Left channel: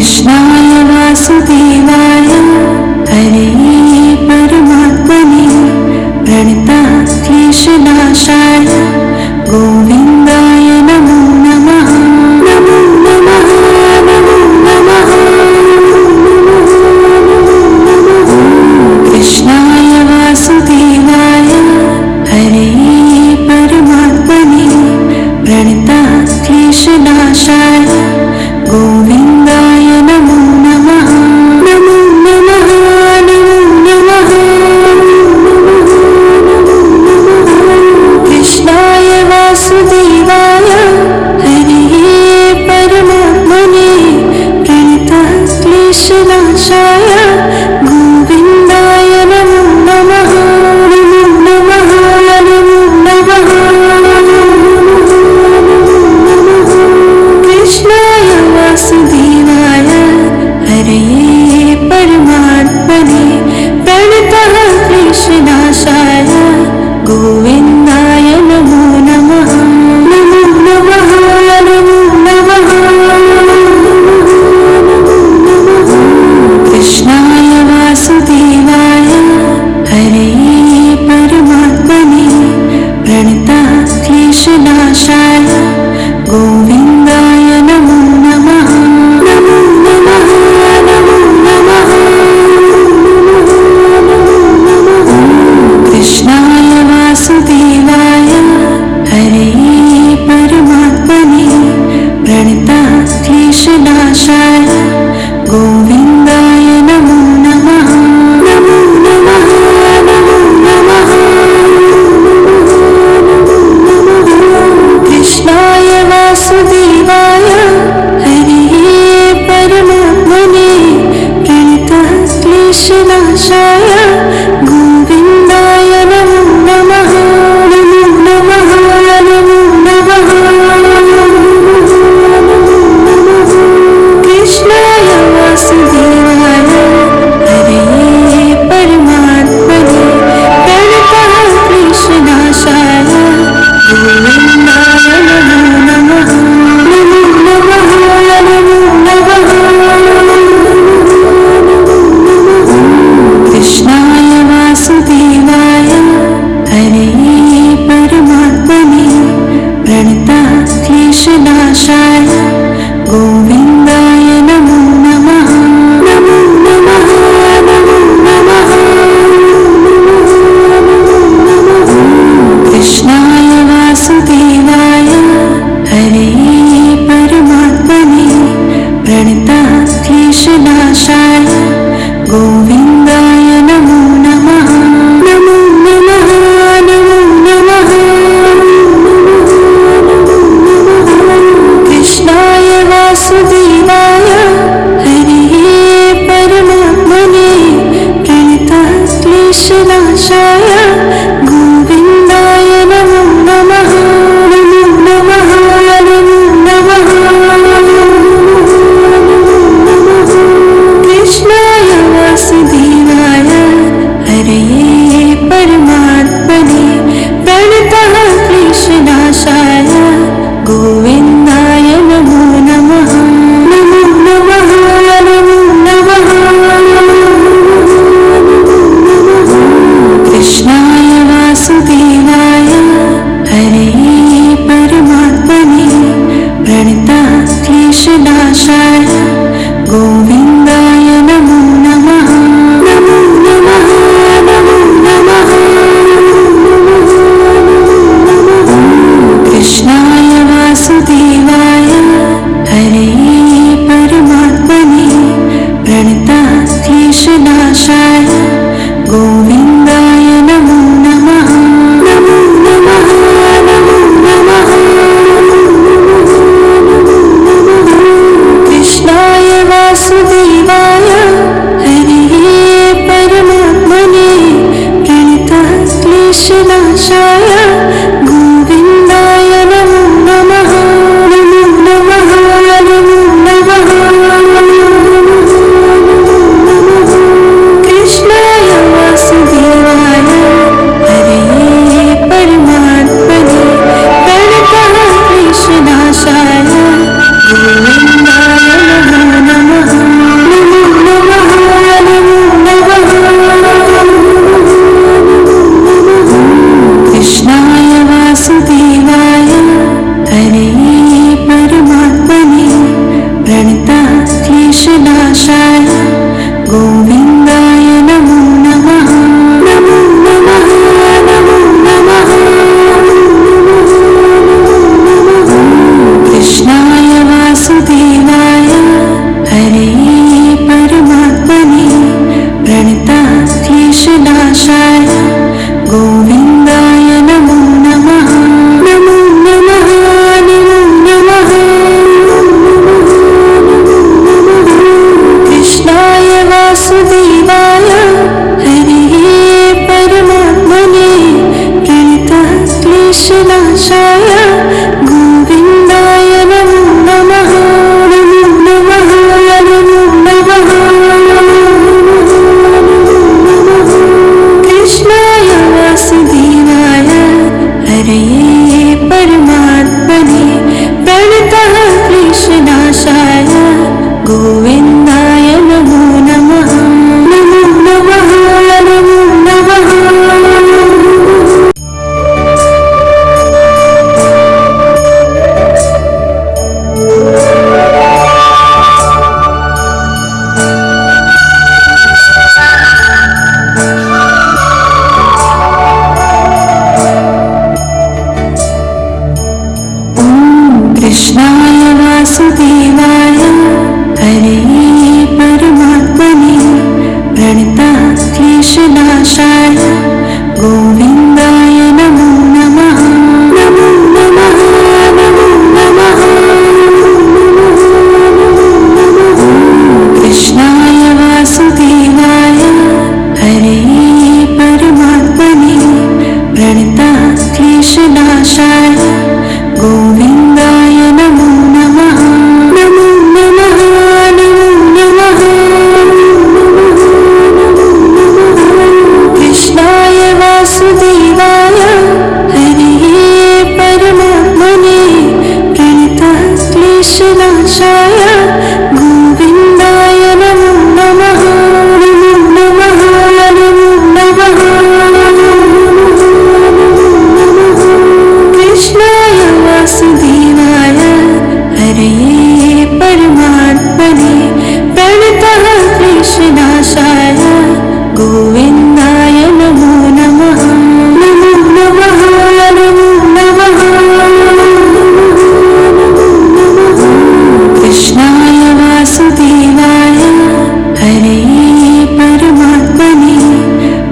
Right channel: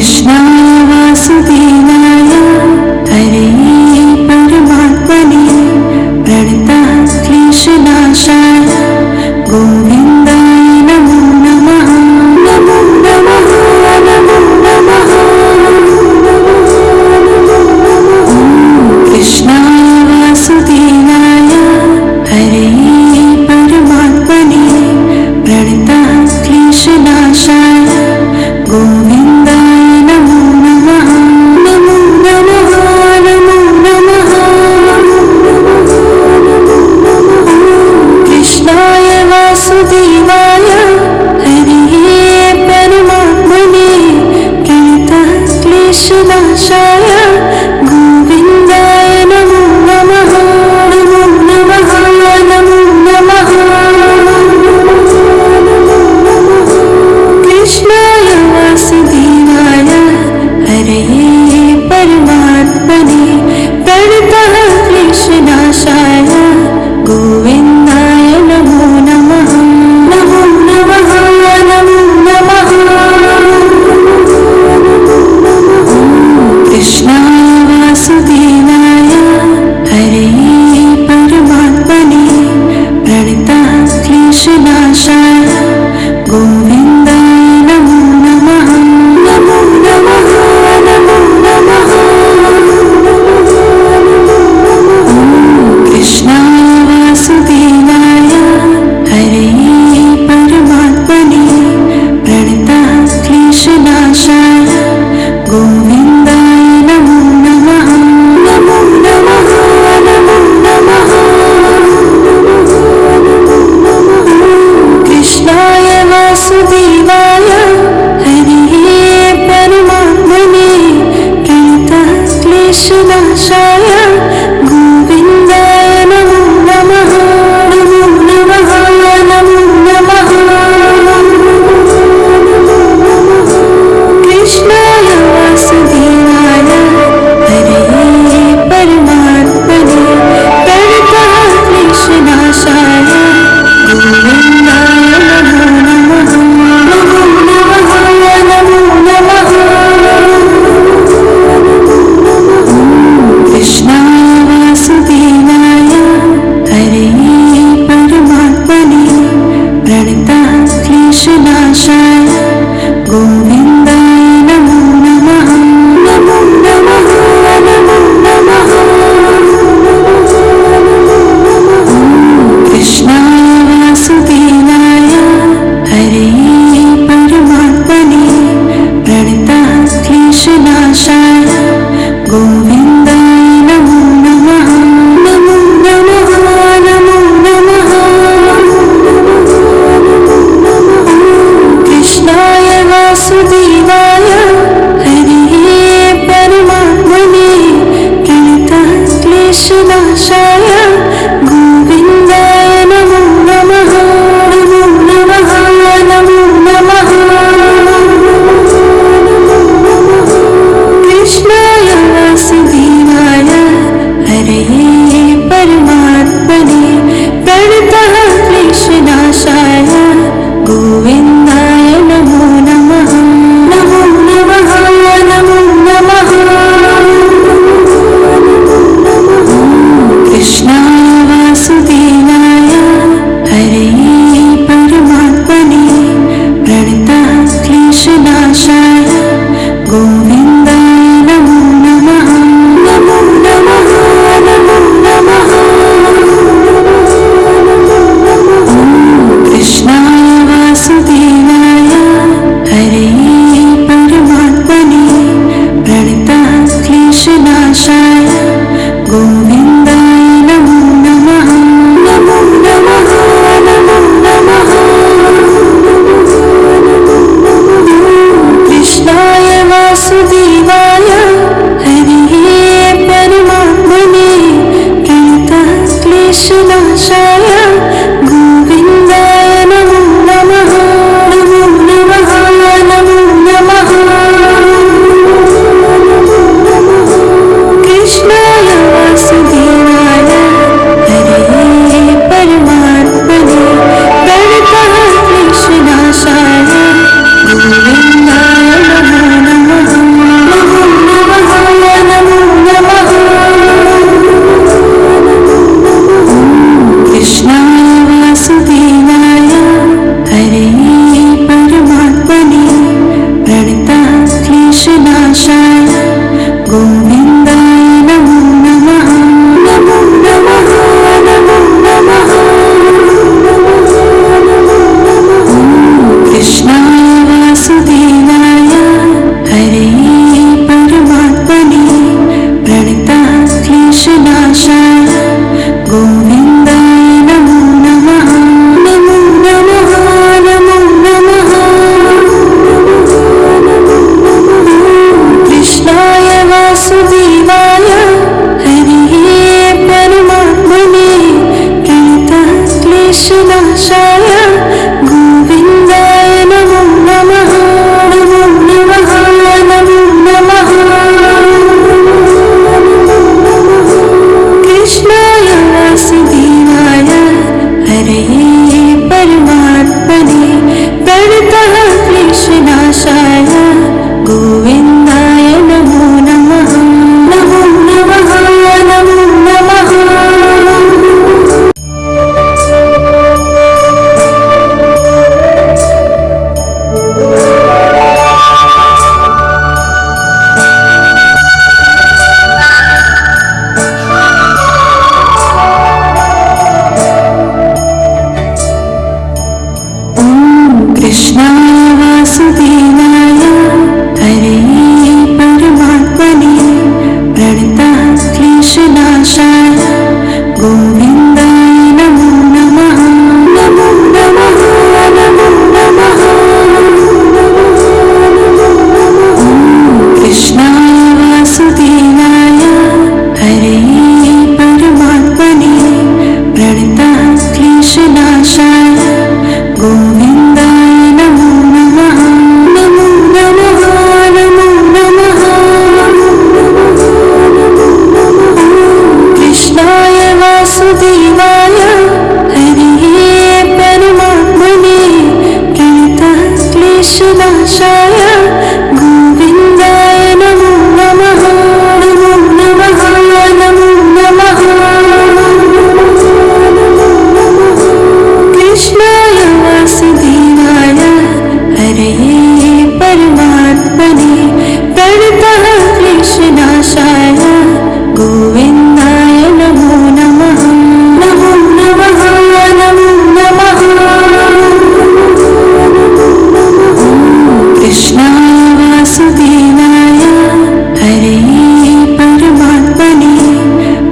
कृष्णाय वासुदेवाय हरे परमात्मने प्रणतः क्लेशनाशाय गोविन्दाय नमो नमः। नमो नमः नमो नमः। कृष्णाय वासुदेवाय हरे परमात्मने प्रणतः क्लेशनाशाय गोविन्दाय नमो नमः। नमो नमः नमो नमः। कृष्णाय वासुदेवाय हरे परमात्मने प्रणतः क्लेशनाशाय गोविन्दाय नमो नमः। नमो नमः नमो नमः। कृष्णाय वासुदेवाय हरे परमात्मने प्रणतः क्लेशनाशाय गोविन्दाय नमो नमः। नमो नमः नमो नमः। कृष्णाय वासुदेवाय हरे परमात्मने प्रणतः क्लेशनाशाय गोविन्दाय नमो नमः। नमो नमः नमो नमः। कृष्णाय वासुदेवाय हरे परमात्मने प्रणतः क्लेशनाशाय गोविन्दाय नमो नमः। नमो नमः नमो नमः। कृष्णाय वासुदेवाय हरे परमात्मने प्रणतः क्लेशनाशाय गोविन्दाय नमो नमः। नमो नमः नमो नमः। कृष्णाय वासुदेवाय हरे परमात्मने प्रणतः क्लेशनाशाय गोविन्दाय नमो नमः। नमो नमः नमो नमः। कृष्णाय वासुदेवाय हरे परमात्मने प्रणतः क्लेशनाशाय गोविन्दाय नमो नमः। नमो नमः नमो नमः। कृष्णाय वासुदेवाय हरे परमात्मने प्रणतः क्लेशनाशाय गोविन्दाय नमो नमः। नमो नमः नमो नमः। कृष्णाय वासुदेवाय हरे परमात्मने प्रणतः क्लेशनाशाय गोविन्दाय नमो नमः। नमो नमः नमो नमः। कृष्णाय वासुदेवाय हरे परमात्मने प्रणतः क्लेशनाशाय गोविन्दाय नमो नमः। नमो नमः नमो नमः। कृष्णाय वासुदेवाय हरे परमात्मने प्रणतः क्लेशनाशाय गोविन्दाय नमो नमः। नमो नमः नमो नमः। कृष्णाय वासुदेवाय हरे परमात्मने प्रणतः क्लेशनाशाय गोविन्दाय नमो नमः। नमो नमः नमो नमः। कृष्णाय वासुदेवाय हरे परमात्मने प्रणतः क्लेशनाशाय गोविन्दाय नमो नमः। नमो नमः नमो नमः। कृष्णाय वासुदेवाय हरे परमात्मने प्रणतः क्लेशनाशाय गोविन्दाय नमो नमः। वासुदेवाय हरे परमात्मने प्रणतः क्लेशनाशाय गोविन्दाय नमो नमः नमो नमः नमो नमः। कृष्णाय वासुदेवाय हरे परमात्मने प्रणतः क्लेशनाशाय गोविन्दाय नमो नमः नमो नमः नमो नमः। कृष्णाय वासुदेवाय हरे परमात्मने प्रणतः क्लेशनाशाय गोविन्दाय नमो नमः नमो नमः नमो नमः। कृष्णाय वासुदेवाय हरे परमात्मने प्रणतः क्लेशनाशाय गोविन्दाय नमो नमः नमो नमः नमो नमः। कृष्णाय वासुदेवाय हरे परमात्मने प्रणतः क्लेशनाशाय गोविन्दाय नमो नमः नमो नमः नमो नमः। कृष्णाय वासुदेवाय हरे परमात्मने प्रणतः क्लेशनाशाय गोविन्दाय नमो नमः नमो नमः नमो नमः। कृष्णाय वासुदेवाय हरे परमात्मने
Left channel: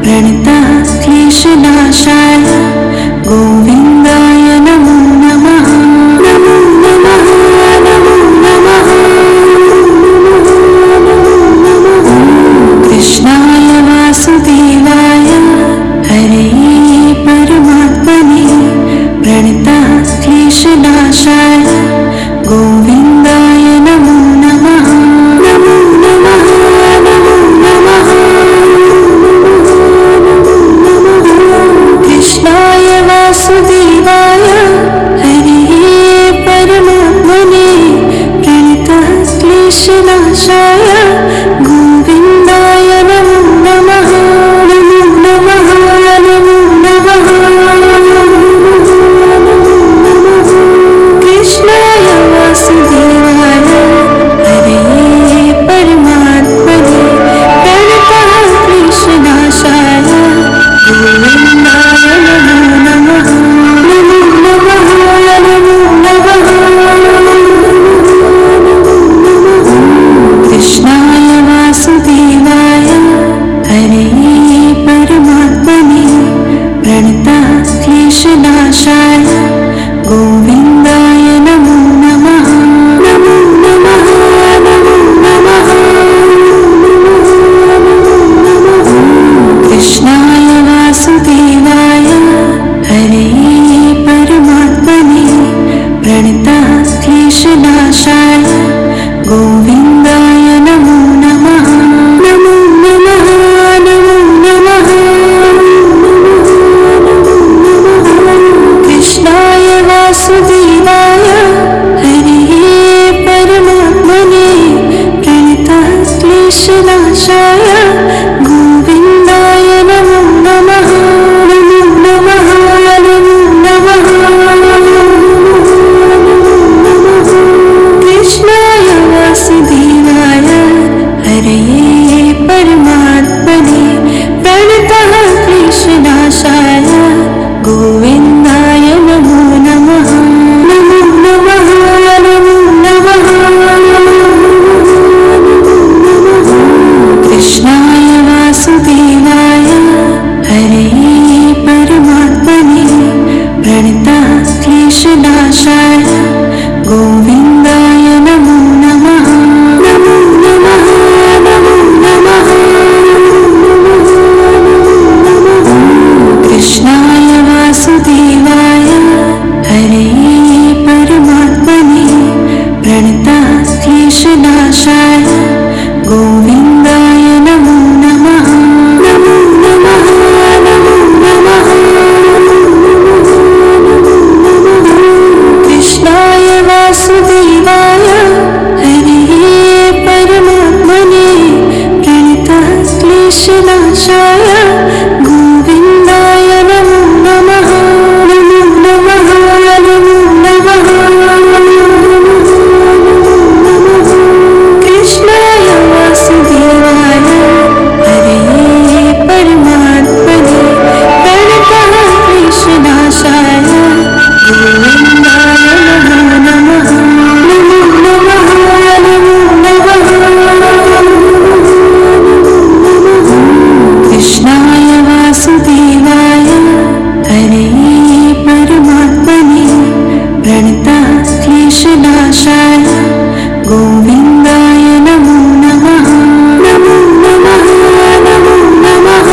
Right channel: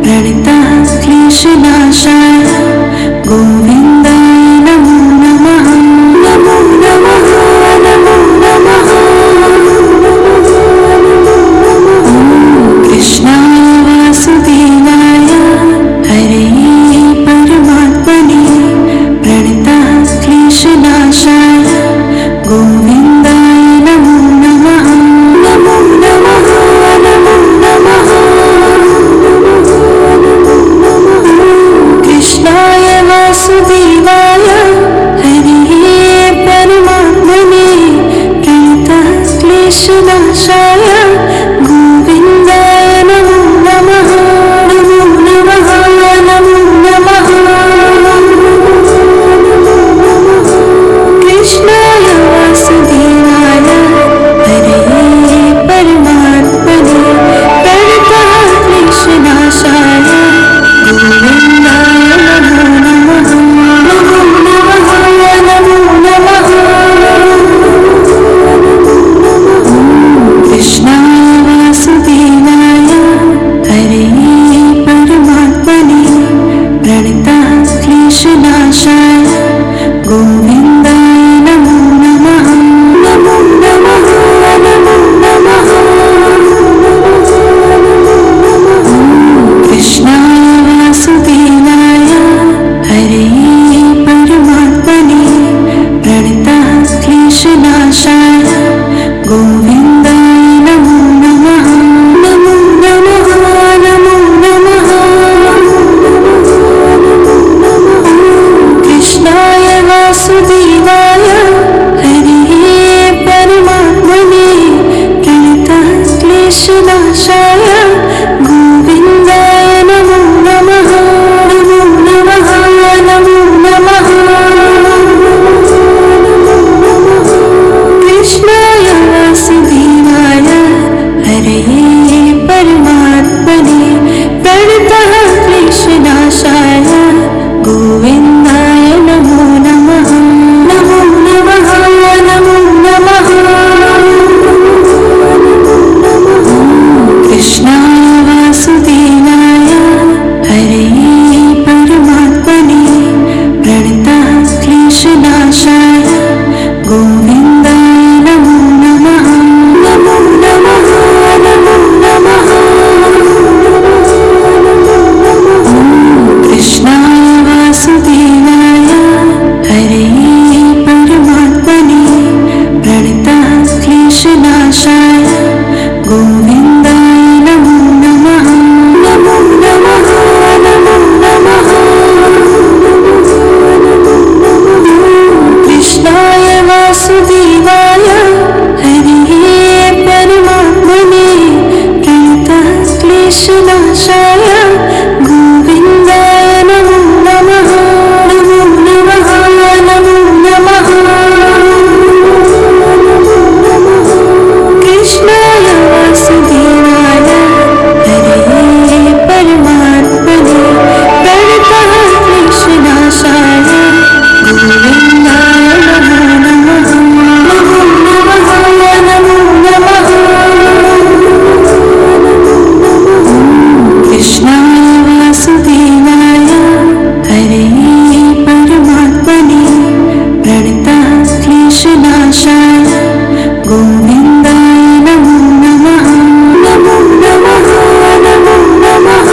प्रणतः क्लेशनाशाय गोविन्दाय नमो नमः नमो नमः नमो नमः। कृष्णाय वासुदेवाय हरे परमात्मने प्रणतः क्लेशनाशाय गोविन्दाय नमो नमः नमो नमः नमो नमः। कृष्णाय वासुदेवाय हरे परमात्मने प्रणतः क्लेशनाशाय गोविन्दाय नमो नमः नमो नमः नमो नमः। कृष्णाय वासुदेवाय हरे परमात्मने प्रणतः क्लेशनाशाय गोविन्दाय नमो नमः नमो नमः नमो नमः। कृष्णाय वासुदेवाय हरे परमात्मने प्रणतः क्लेशनाशाय गोविन्दाय नमो नमः नमो नमः नमो नमः। कृष्णाय वासुदेवाय हरे परमात्मने प्रणतः क्लेशनाशाय गोविन्दाय नमो नमः नमो नमः नमो नमः। कृष्णाय वासुदेवाय हरे परमात्मने प्रणतः क्लेशनाशाय गोविन्दाय नमो नमः नमो नमः नमो नमः। कृष्णाय वासुदेवाय हरे परमात्मने प्रणतः क्लेशनाशाय गोविन्दाय नमो नमः नमो नमः नमो नमः। कृष्णाय वासुदेवाय हरे परमात्मने प्रणतः क्लेशनाशाय गोविन्दाय नमो नमः नमो नमः नमो नमः। कृष्णाय वासुदेवाय हरे परमात्मने प्रणतः क्लेशनाशाय गोविन्दाय नमो नमः नमो नमः नमो नमः।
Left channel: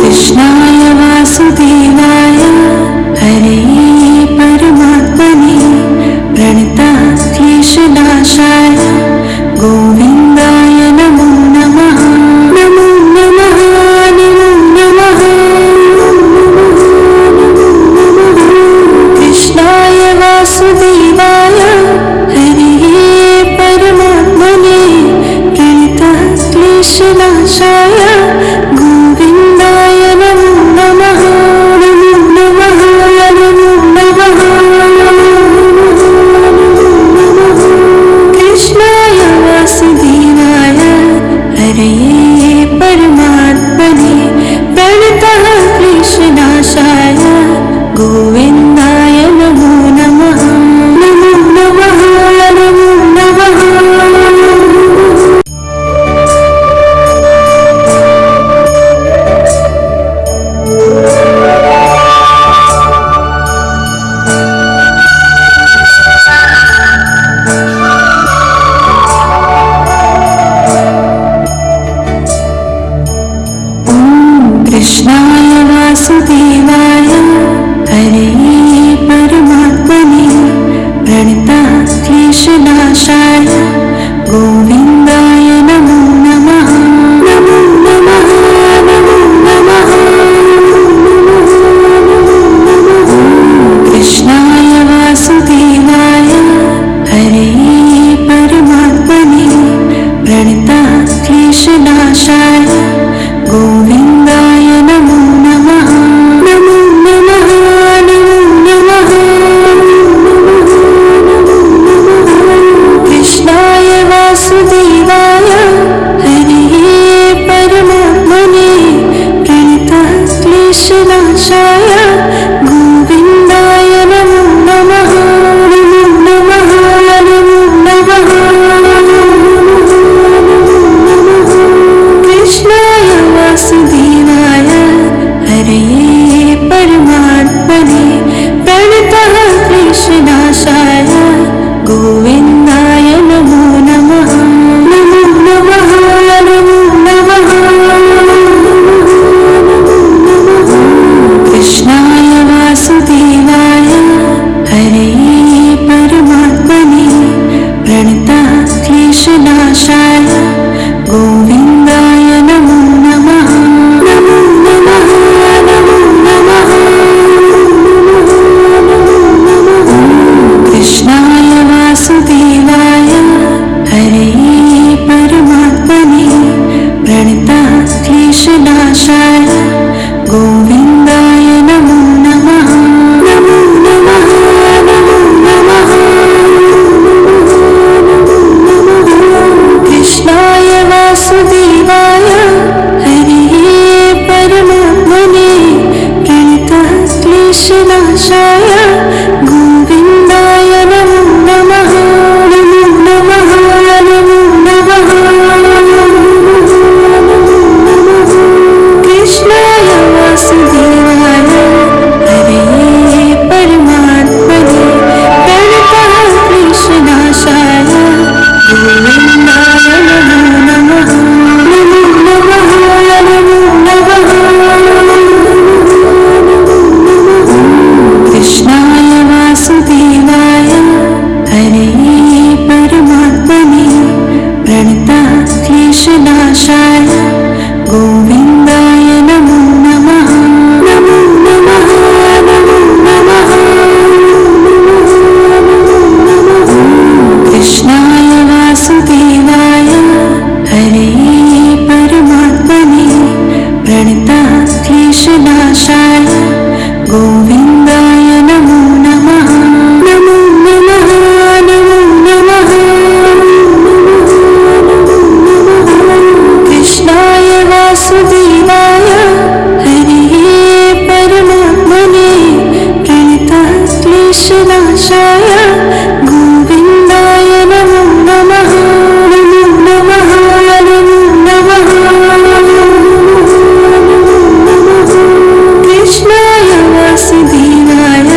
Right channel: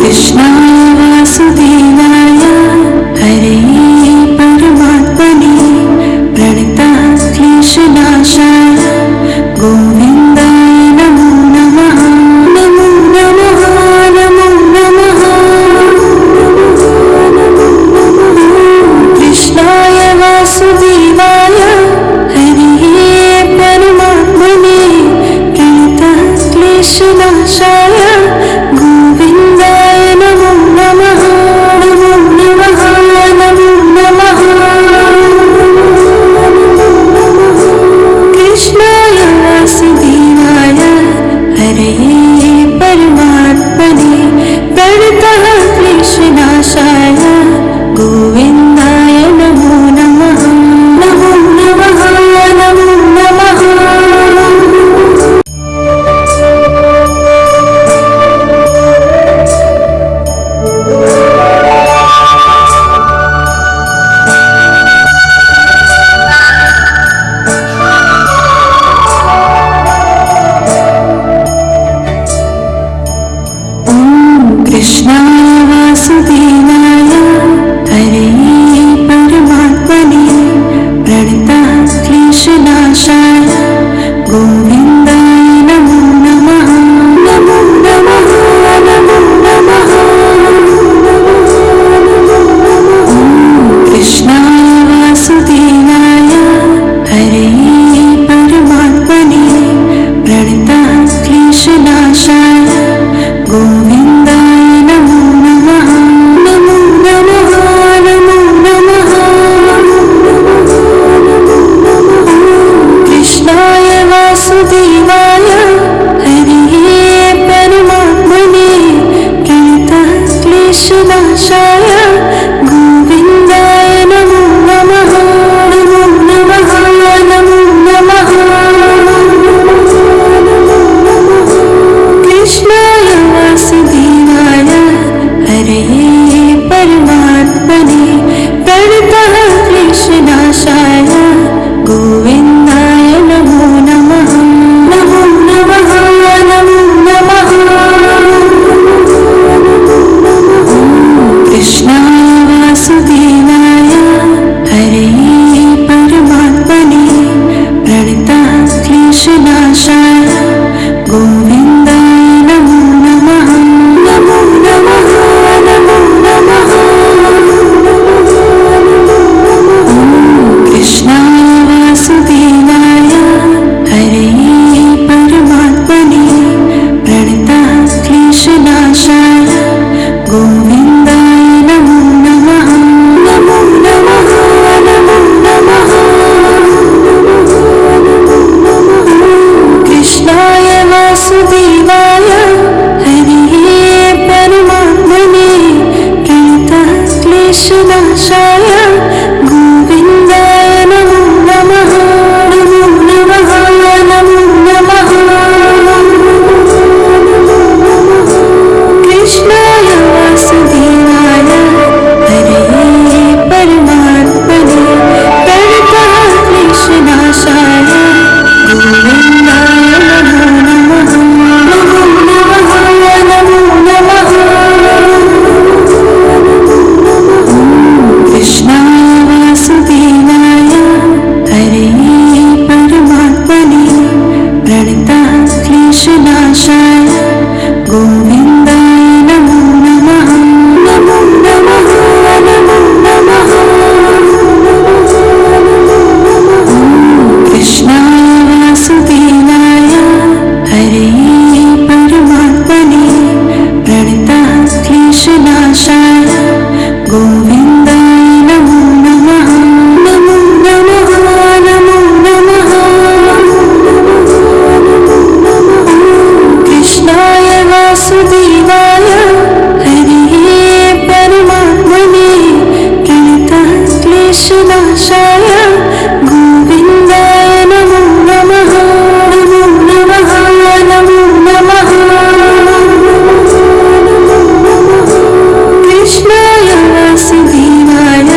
कृष्णाय वासुदेवाय हरे परमात्मने प्रणतः क्लेशनाशाय गोविन्दाय नमो नमः नमो नमः नमो नमः। कृष्णाय वासुदेवाय हरे परमात्मने प्रणतः क्लेशनाशाय गोविन्दाय नमो नमः नमो नमः नमो नमः। कृष्णाय वासुदेवाय हरे परमात्मने प्रणतः क्लेशनाशाय गोविन्दाय नमो नमः नमो नमः नमो नमः। कृष्णाय वासुदेवाय हरे परमात्मने प्रणतः क्लेशनाशाय गोविन्दाय नमो नमः नमो नमः नमो नमः। कृष्णाय वासुदेवाय हरे परमात्मने प्रणतः क्लेशनाशाय गोविन्दाय नमो नमः नमो नमः नमो नमः। कृष्णाय वासुदेवाय हरे परमात्मने प्रणतः क्लेशनाशाय गोविन्दाय नमो नमः नमो नमः नमो नमः। कृष्णाय वासुदेवाय हरे परमात्मने प्रणतः क्लेशनाशाय गोविन्दाय नमो नमः नमो नमः नमो नमः। कृष्णाय वासुदेवाय हरे परमात्मने प्रणतः क्लेशनाशाय गोविन्दाय नमो नमः नमो नमः नमो नमः। कृष्णाय वासुदेवाय हरे परमात्मने प्रणतः क्लेशनाशाय गोविन्दाय नमो नमः नमो नमः नमो नमः। कृष्णाय वासुदेवाय हरे परमात्मने प्रणतः क्लेशनाशाय गोविन्दाय नमो नमः नमो नमः नमो नमः। कृष्णाय वासुदेवाय हरे परमात्मने प्रणतः क्लेशनाशाय गोविन्दाय नमो नमः नमो नमः नमो नमः। कृष्णाय वासुदेवाय हरे परमात्मने प्रणतः क्लेशनाशाय गोविन्दाय नमो नमः नमो नमः नमो क्लेशनाशाय गोविन्दाय नमो नमः। नमो नमः नमो नमः। कृष्णाय वासुदेवाय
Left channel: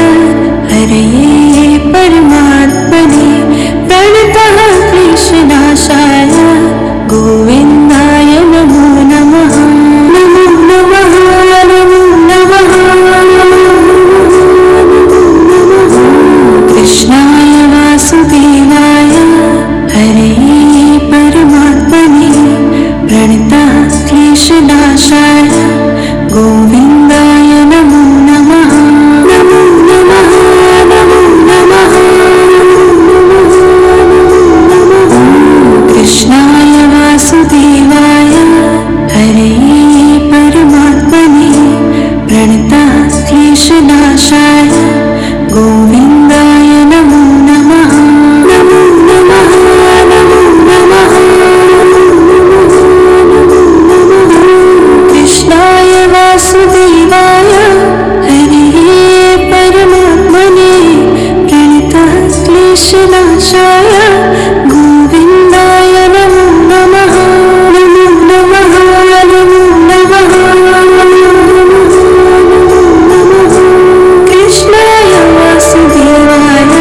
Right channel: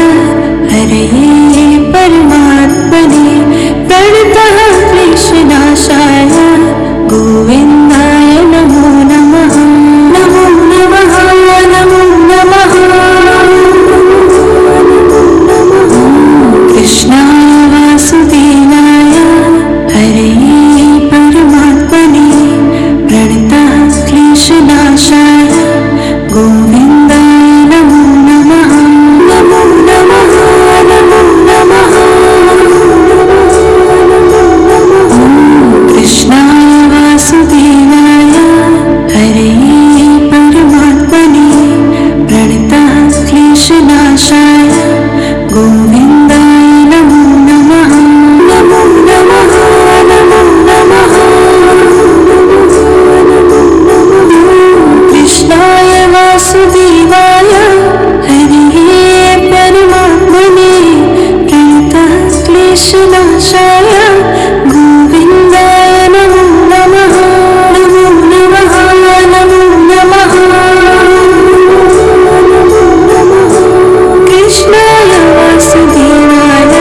हरये परमात्मने प्रणतः क्लेशनाशाय गोविन्दाय नमो नमः। नमो नमः नमो नमः। कृष्णाय वासुदेवाय हरये परमात्मने प्रणतः क्लेशनाशाय गोविन्दाय नमो नमः। नमो नमः नमो नमः। कृष्णाय वासुदेवाय हरये परमात्मने प्रणतः क्लेशनाशाय गोविन्दाय नमो नमः। नमो नमः नमो नमः। कृष्णाय वासुदेवाय हरये परमात्मने प्रणतः क्लेशनाशाय गोविन्दाय नमो नमः। नमो नमः नमो नमः। कृष्णाय वासुदेवाय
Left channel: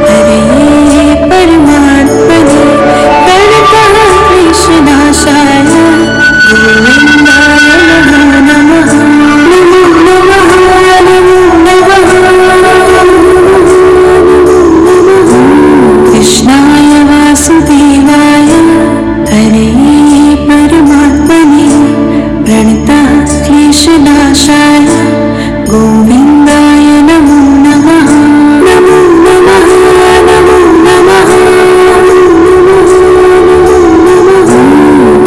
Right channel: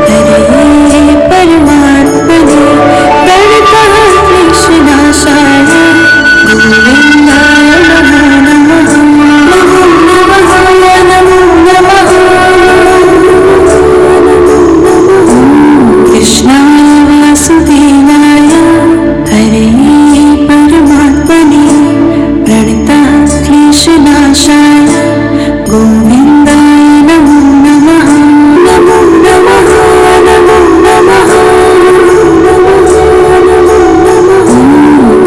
हरये परमात्मने प्रणतः क्लेशनाशाय गोविन्दाय नमो नमः। नमो नमः नमो नमः। कृष्णाय वासुदेवाय हरये परमात्मने प्रणतः क्लेशनाशाय गोविन्दाय नमो नमः। नमो नमः नमो नमः।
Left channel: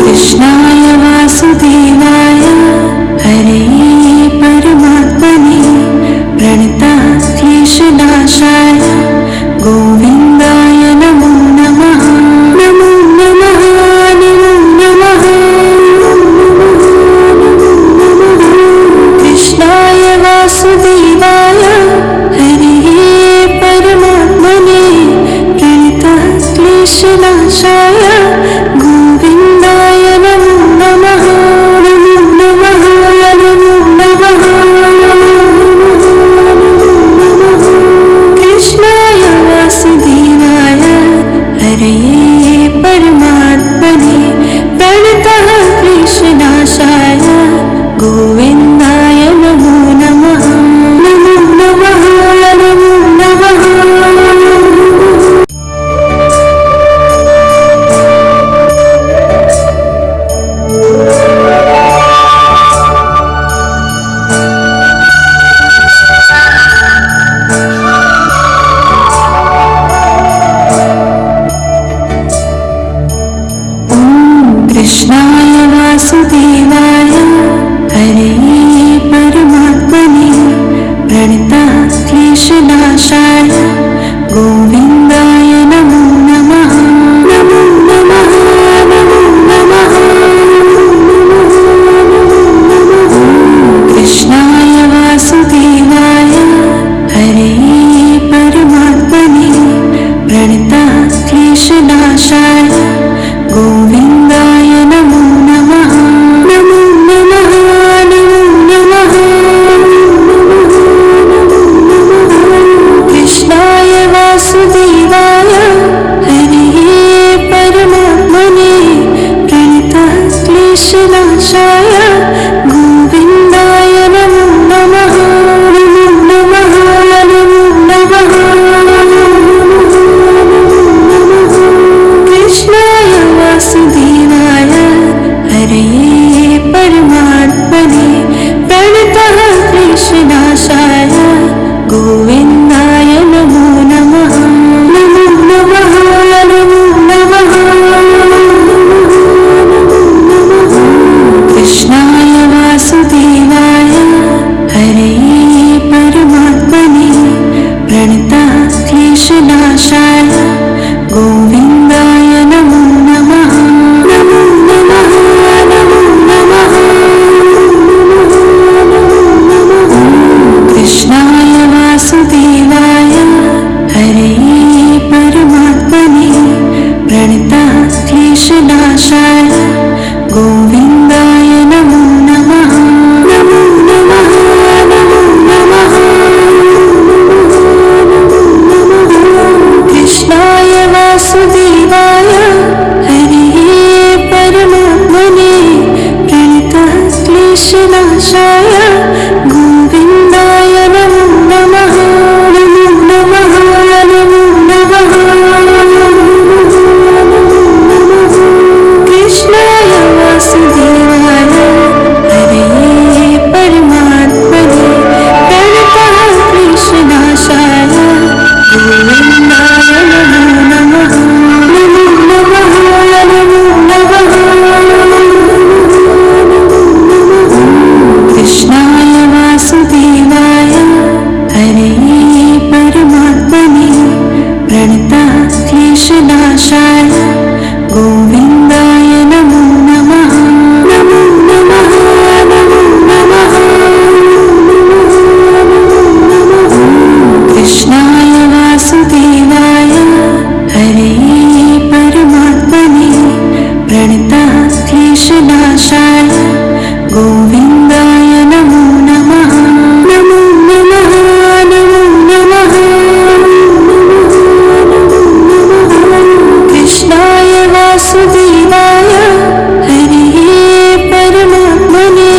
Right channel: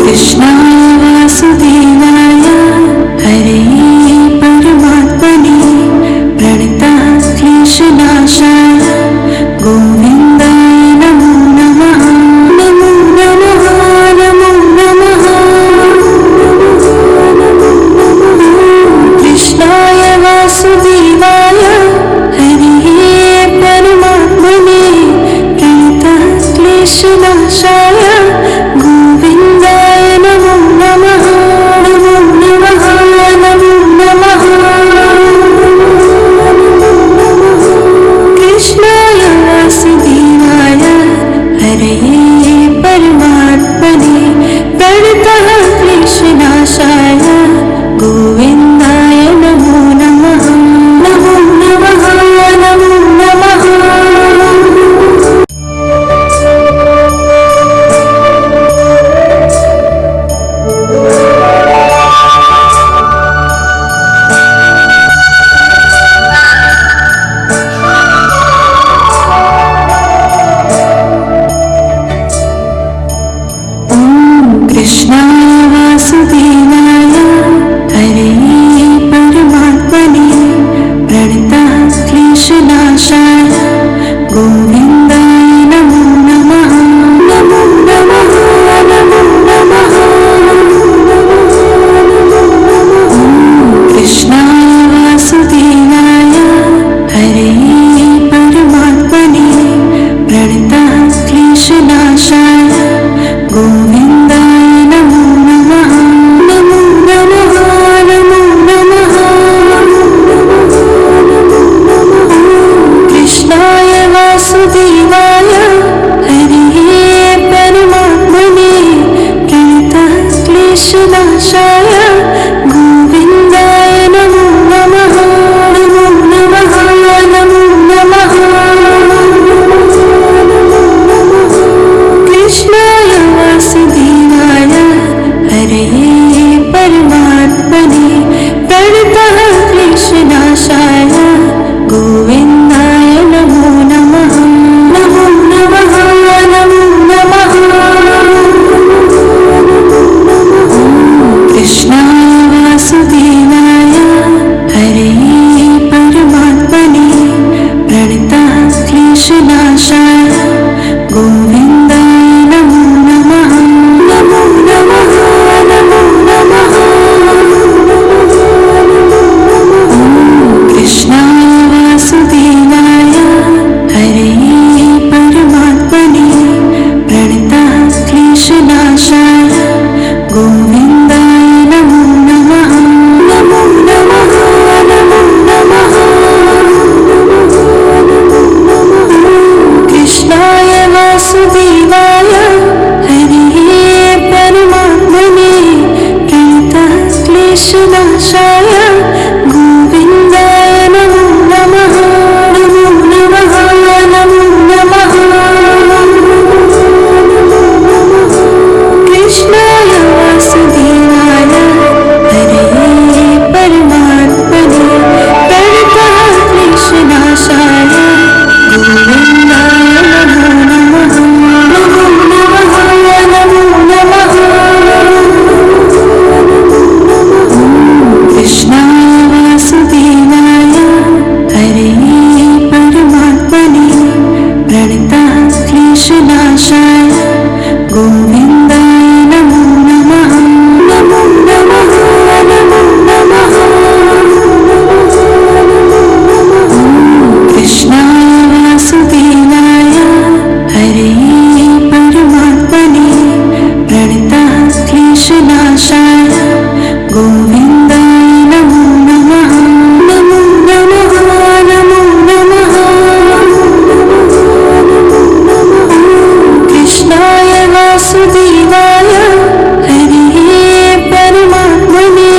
कृष्णाय वासुदेवाय हरये परमात्मने प्रणतः क्लेशनाशाय गोविन्दाय नमो नमः। नमो नमः नमो नमः। कृष्णाय वासुदेवाय हरये परमात्मने प्रणतः क्लेशनाशाय गोविन्दाय नमो नमः। नमो नमः नमो नमः। कृष्णाय वासुदेवाय हरये परमात्मने प्रणतः क्लेशनाशाय गोविन्दाय नमो नमः। नमो नमः नमो नमः। कृष्णाय वासुदेवाय हरये परमात्मने प्रणतः क्लेशनाशाय गोविन्दाय नमो नमः। नमो नमः नमो नमः। कृष्णाय वासुदेवाय हरये परमात्मने प्रणतः क्लेशनाशाय गोविन्दाय नमो नमः। नमो नमः नमो नमः। कृष्णाय वासुदेवाय हरये परमात्मने प्रणतः क्लेशनाशाय गोविन्दाय नमो नमः। नमो नमः नमो नमः। कृष्णाय वासुदेवाय हरये परमात्मने प्रणतः क्लेशनाशाय गोविन्दाय नमो नमः। नमो नमः नमो नमः। कृष्णाय वासुदेवाय हरये परमात्मने प्रणतः क्लेशनाशाय गोविन्दाय नमो नमः। नमो नमः नमो नमः। कृष्णाय वासुदेवाय वासुदेवाय हरे परमात्मने प्रणतः क्लेशनाशाय गोविन्दाय नमो नमः नमो नमः नमो नमः कृष्णाय वासुदेवाय हरे परमात्मने प्रणतः क्लेशनाशाय गोविन्दाय नमो नमः नमो नमः नमो नमः कृष्णाय वासुदेवाय हरे परमात्मने प्रणतः क्लेशनाशाय गोविन्दाय नमो नमः नमो नमः नमो नमः कृष्णाय वासुदेवाय हरे परमात्मने प्रणतः क्लेशनाशाय गोविन्दाय नमो नमः नमो नमः नमो नमः कृष्णाय वासुदेवाय हरे परमात्मने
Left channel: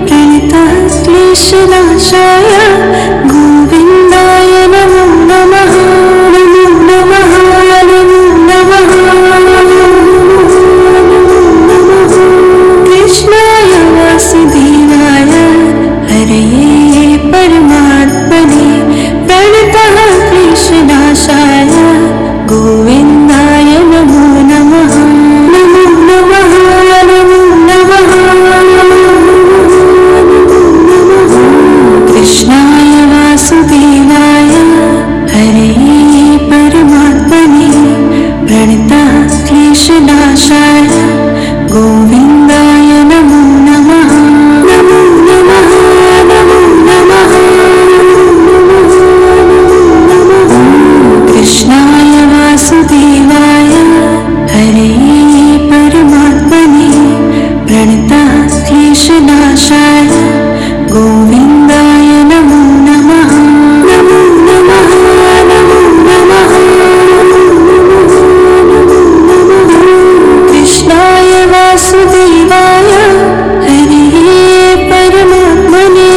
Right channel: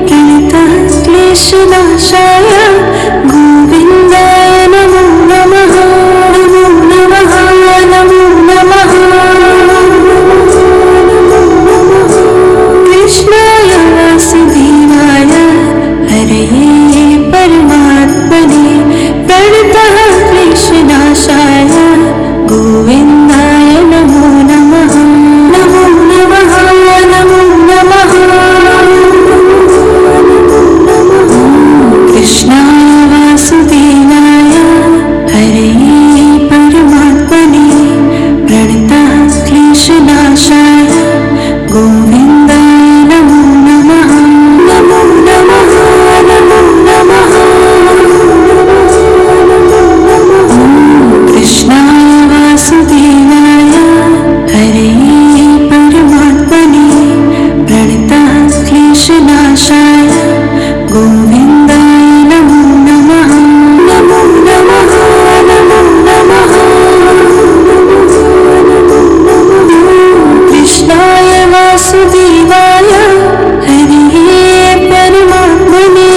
प्रणतः क्लेशनाशाय गोविन्दाय नमो नमः नमो नमः नमो नमः कृष्णाय वासुदेवाय हरे परमात्मने प्रणतः क्लेशनाशाय गोविन्दाय नमो नमः नमो नमः नमो नमः कृष्णाय वासुदेवाय हरे परमात्मने प्रणतः क्लेशनाशाय गोविन्दाय नमो नमः नमो नमः नमो नमः कृष्णाय वासुदेवाय हरे परमात्मने प्रणतः क्लेशनाशाय गोविन्दाय नमो नमः नमो नमः नमो नमः कृष्णाय वासुदेवाय हरे परमात्मने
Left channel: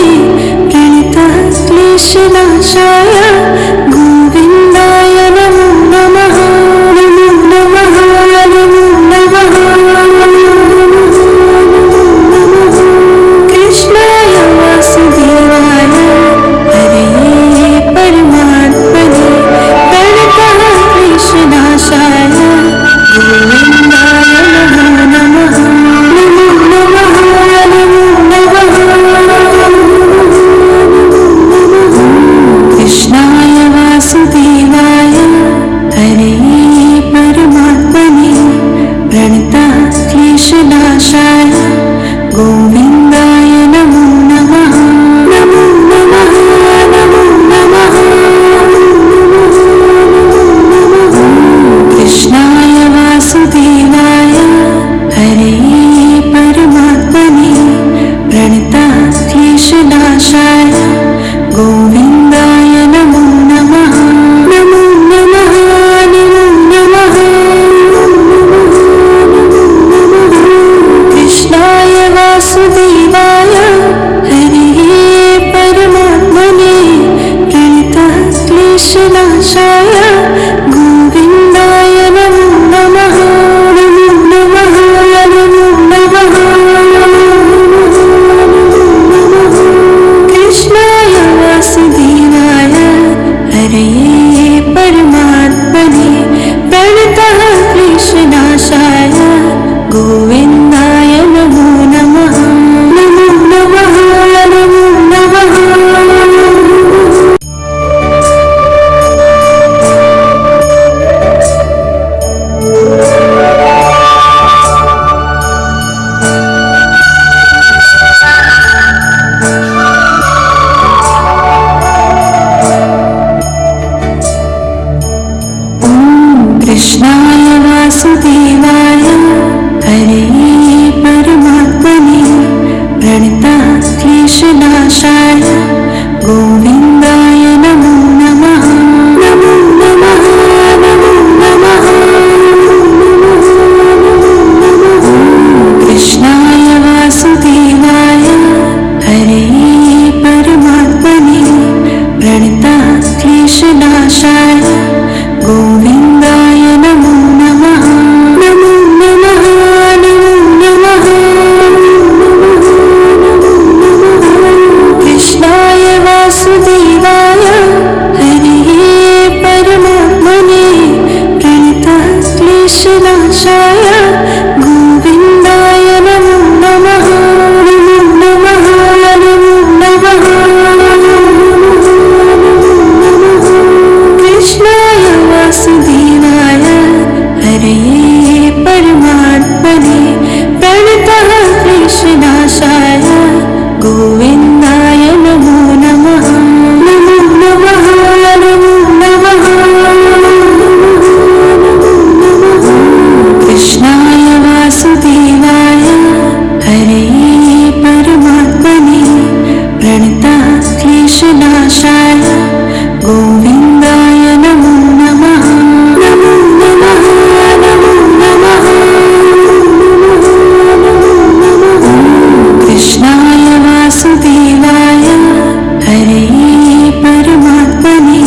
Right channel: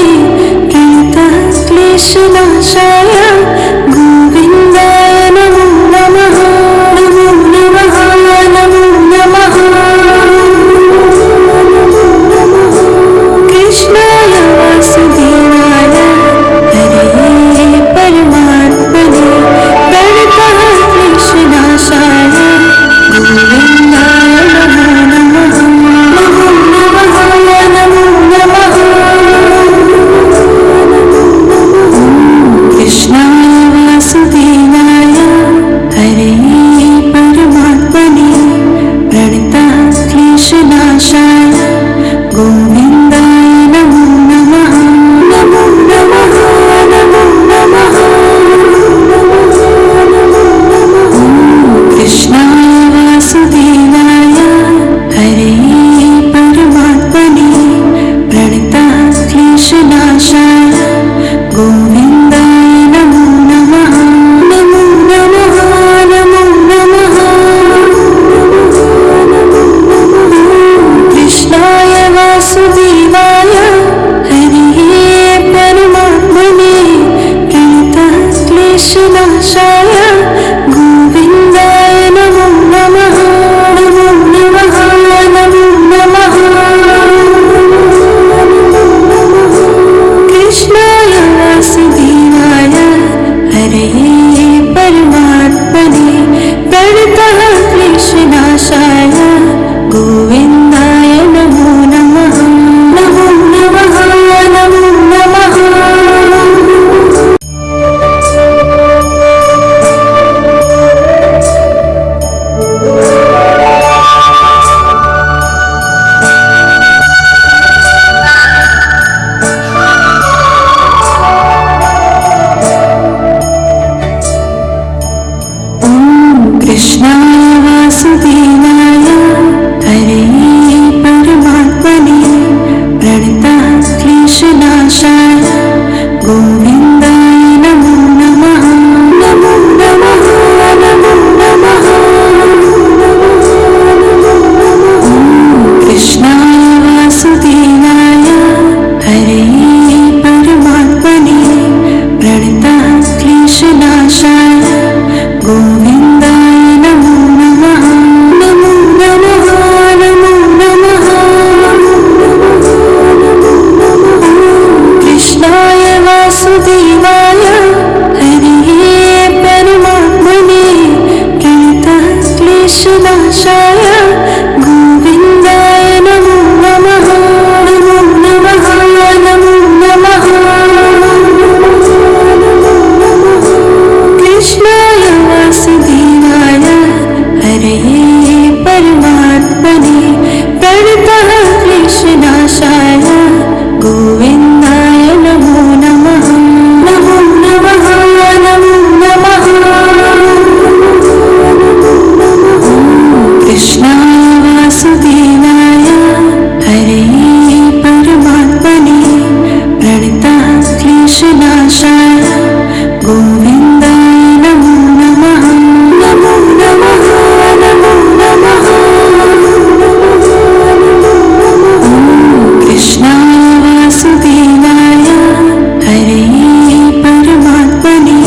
प्रणतः क्लेशनाशाय गोविन्दाय नमो नमः नमो नमः नमो नमः कृष्णाय वासुदेवाय हरे परमात्मने प्रणतः क्लेशनाशाय गोविन्दाय नमो नमः नमो नमः नमो नमः कृष्णाय वासुदेवाय हरे परमात्मने प्रणतः क्लेशनाशाय गोविन्दाय नमो नमः नमो नमः नमो नमः कृष्णाय वासुदेवाय हरे परमात्मने प्रणतः क्लेशनाशाय गोविन्दाय नमो नमः नमो नमः नमो नमः कृष्णाय वासुदेवाय हरे परमात्मने प्रणतः क्लेशनाशाय गोविन्दाय नमो नमः नमो नमः नमो नमः कृष्णाय वासुदेवाय हरे परमात्मने प्रणतः क्लेशनाशाय गोविन्दाय नमो नमः नमो नमः नमो नमः कृष्णाय वासुदेवाय हरे परमात्मने प्रणतः क्लेशनाशाय गोविन्दाय नमो नमः नमो नमः नमो नमः क्लेशनाशाय गोविन्दाय नमो नमः। नमो नमः नमो नमः। कृष्णाय वासुदेवाय हरे परमात्मने प्रणतः क्लेशनाशाय गोविन्दाय नमो नमः। नमो नमः नमो नमः। कृष्णाय वासुदेवाय हरे परमात्मने प्रणतः क्लेशनाशाय गोविन्दाय नमो नमः। नमो नमः नमो नमः। कृष्णाय वासुदेवाय हरे परमात्मने प्रणतः क्लेशनाशाय गोविन्दाय नमो नमः। नमो नमः नमो नमः। कृष्णाय वासुदेवाय हरे परमात्मने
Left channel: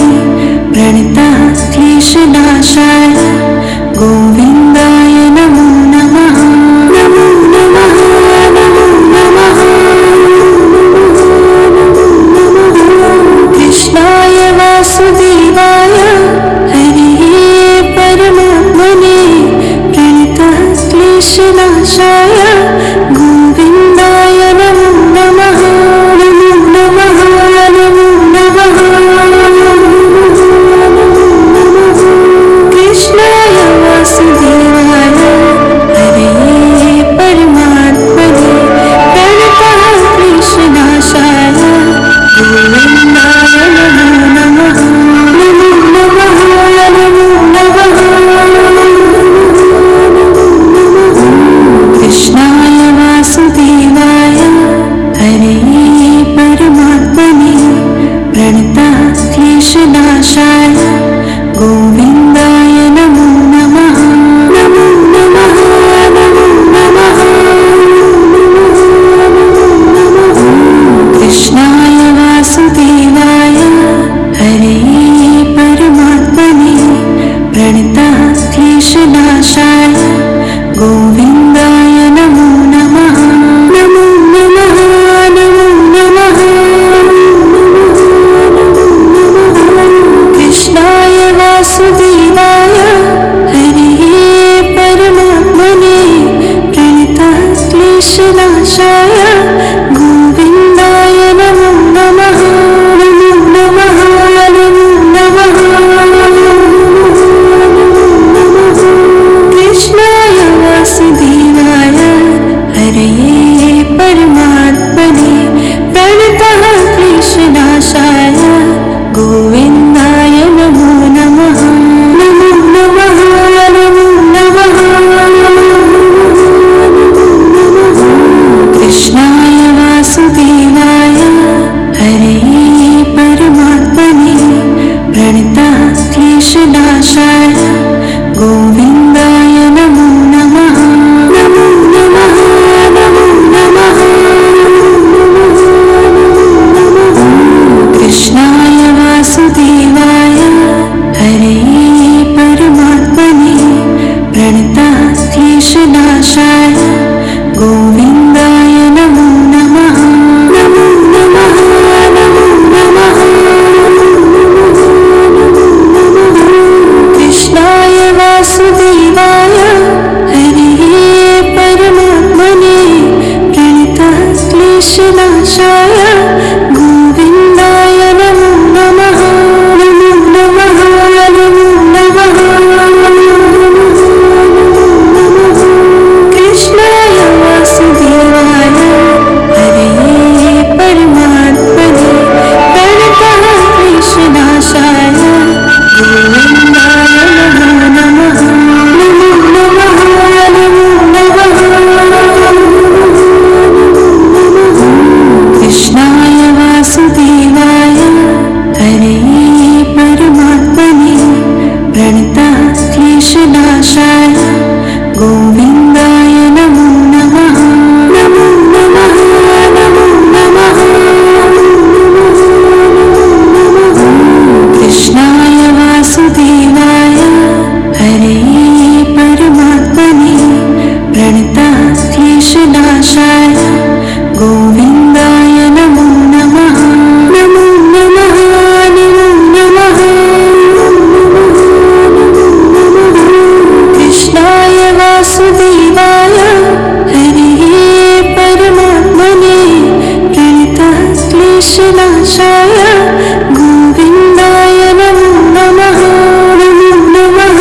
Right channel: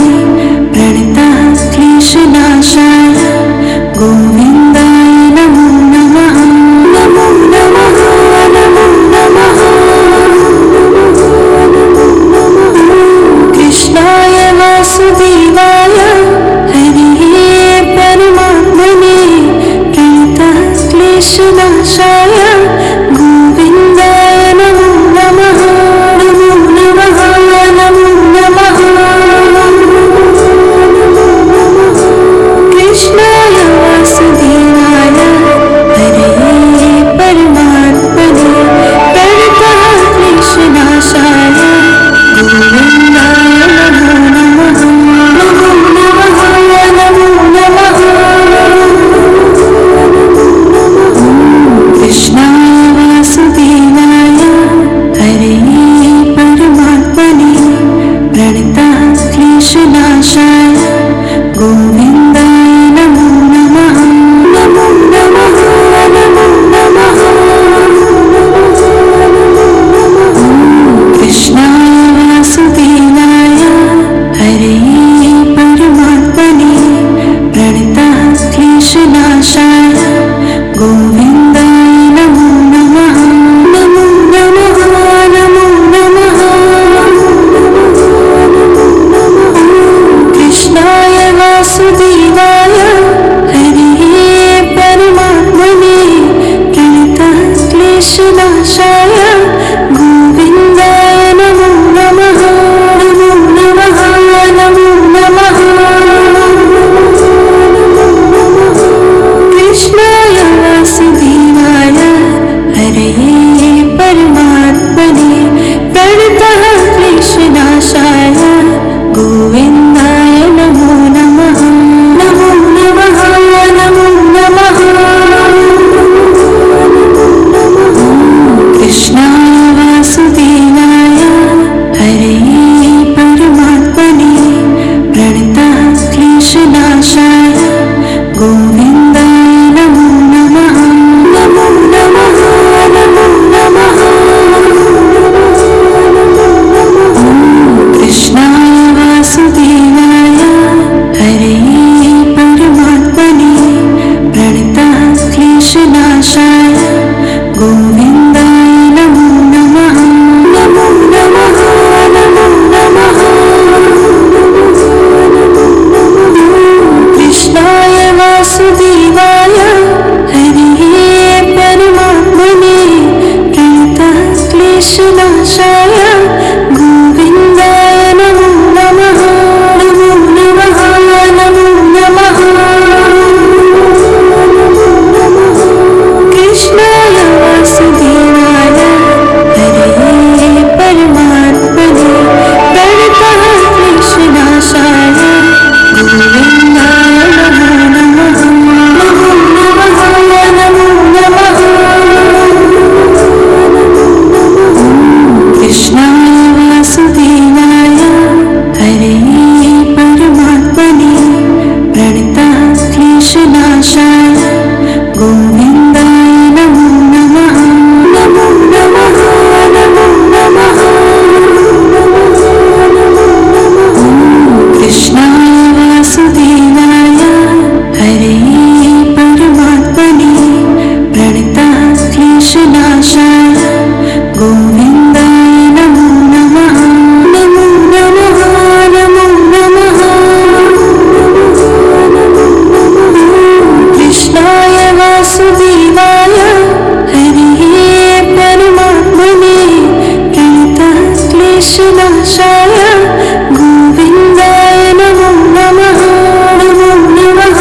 प्रणतः क्लेशनाशाय गोविन्दाय नमो नमः। नमो नमः नमो नमः। कृष्णाय वासुदेवाय हरे परमात्मने प्रणतः क्लेशनाशाय गोविन्दाय नमो नमः। नमो नमः नमो नमः। कृष्णाय वासुदेवाय हरे परमात्मने प्रणतः क्लेशनाशाय गोविन्दाय नमो नमः। नमो नमः नमो नमः। कृष्णाय वासुदेवाय हरे परमात्मने प्रणतः क्लेशनाशाय गोविन्दाय नमो नमः। नमो नमः नमो नमः। कृष्णाय वासुदेवाय हरे परमात्मने प्रणतः क्लेशनाशाय गोविन्दाय नमो नमः। नमो नमः नमो नमः। कृष्णाय वासुदेवाय हरे परमात्मने प्रणतः क्लेशनाशाय गोविन्दाय नमो नमः। नमो नमः नमो नमः। कृष्णाय वासुदेवाय हरे परमात्मने प्रणतः क्लेशनाशाय गोविन्दाय नमो नमः। नमो नमः नमो नमः। कृष्णाय वासुदेवाय हरे परमात्मने प्रणतः क्लेशनाशाय गोविन्दाय नमो नमः। नमो नमः नमो नमः। कृष्णाय वासुदेवाय हरे परमात्मने प्रणतः क्लेशनाशाय गोविन्दाय नमो नमः। नमो नमः नमो नमः। कृष्णाय वासुदेवाय हरे परमात्मने प्रणतः क्लेशनाशाय गोविन्दाय नमो नमः। नमो नमः नमो नमः। कृष्णाय वासुदेवाय हरे परमात्मने प्रणतः क्लेशनाशाय गोविन्दाय नमो नमः। नमो नमः नमो नमः। कृष्णाय वासुदेवाय हरे परमात्मने प्रणतः क्लेशनाशाय गोविन्दाय नमो नमः। नमो नमः नमो नमः। कृष्णाय वासुदेवाय हरे परमात्मने प्रणतः क्लेशनाशाय गोविन्दाय नमो नमः। नमो नमः नमो नमः कृष्णाय वासुदेवाय हरे परमात्मने प्रणतः क्लेशनाशाय गोविन्दाय नमो नमः। नमो नमः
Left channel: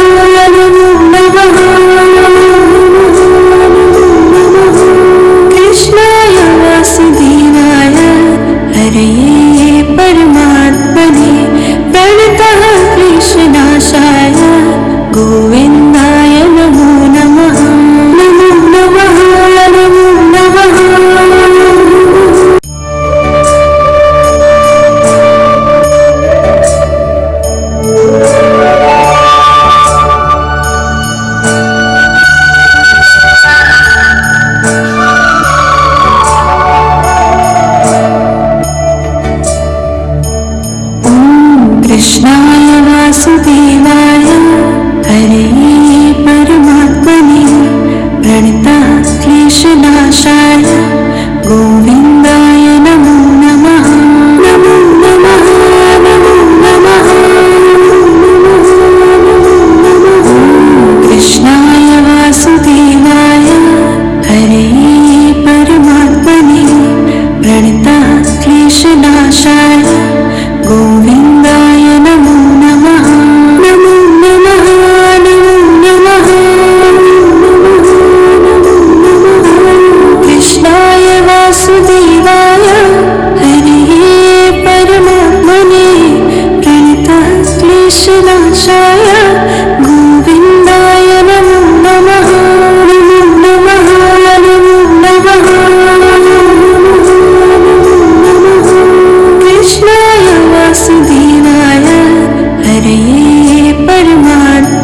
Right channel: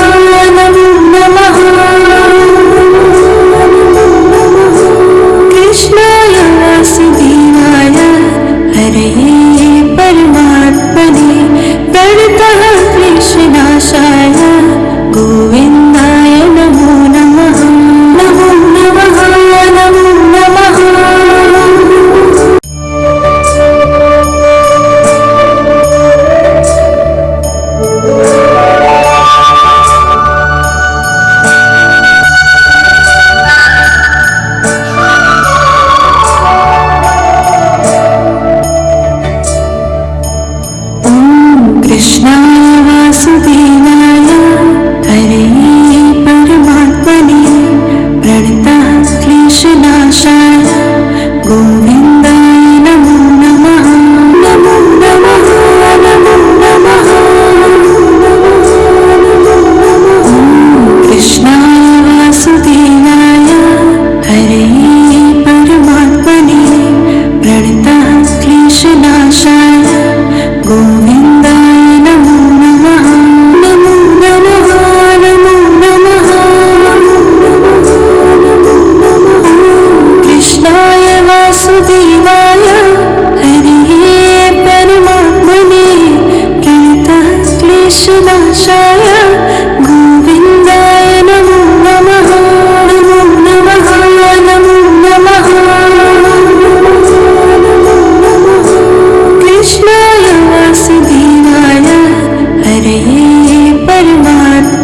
नमो नमः कृष्णाय वासुदेवाय हरे परमात्मने प्रणतः क्लेशनाशाय गोविन्दाय नमो नमः। नमो नमः नमो नमः कृष्णाय वासुदेवाय हरे परमात्मने प्रणतः क्लेशनाशाय गोविन्दाय नमो नमः। नमो नमः नमो नमः कृष्णाय वासुदेवाय हरे परमात्मने प्रणतः क्लेशनाशाय गोविन्दाय नमो नमः। नमो नमः नमो नमः कृष्णाय वासुदेवाय हरे परमात्मने प्रणतः क्लेशनाशाय गोविन्दाय नमो नमः। नमो नमः नमो नमः कृष्णाय वासुदेवाय हरे परमात्मने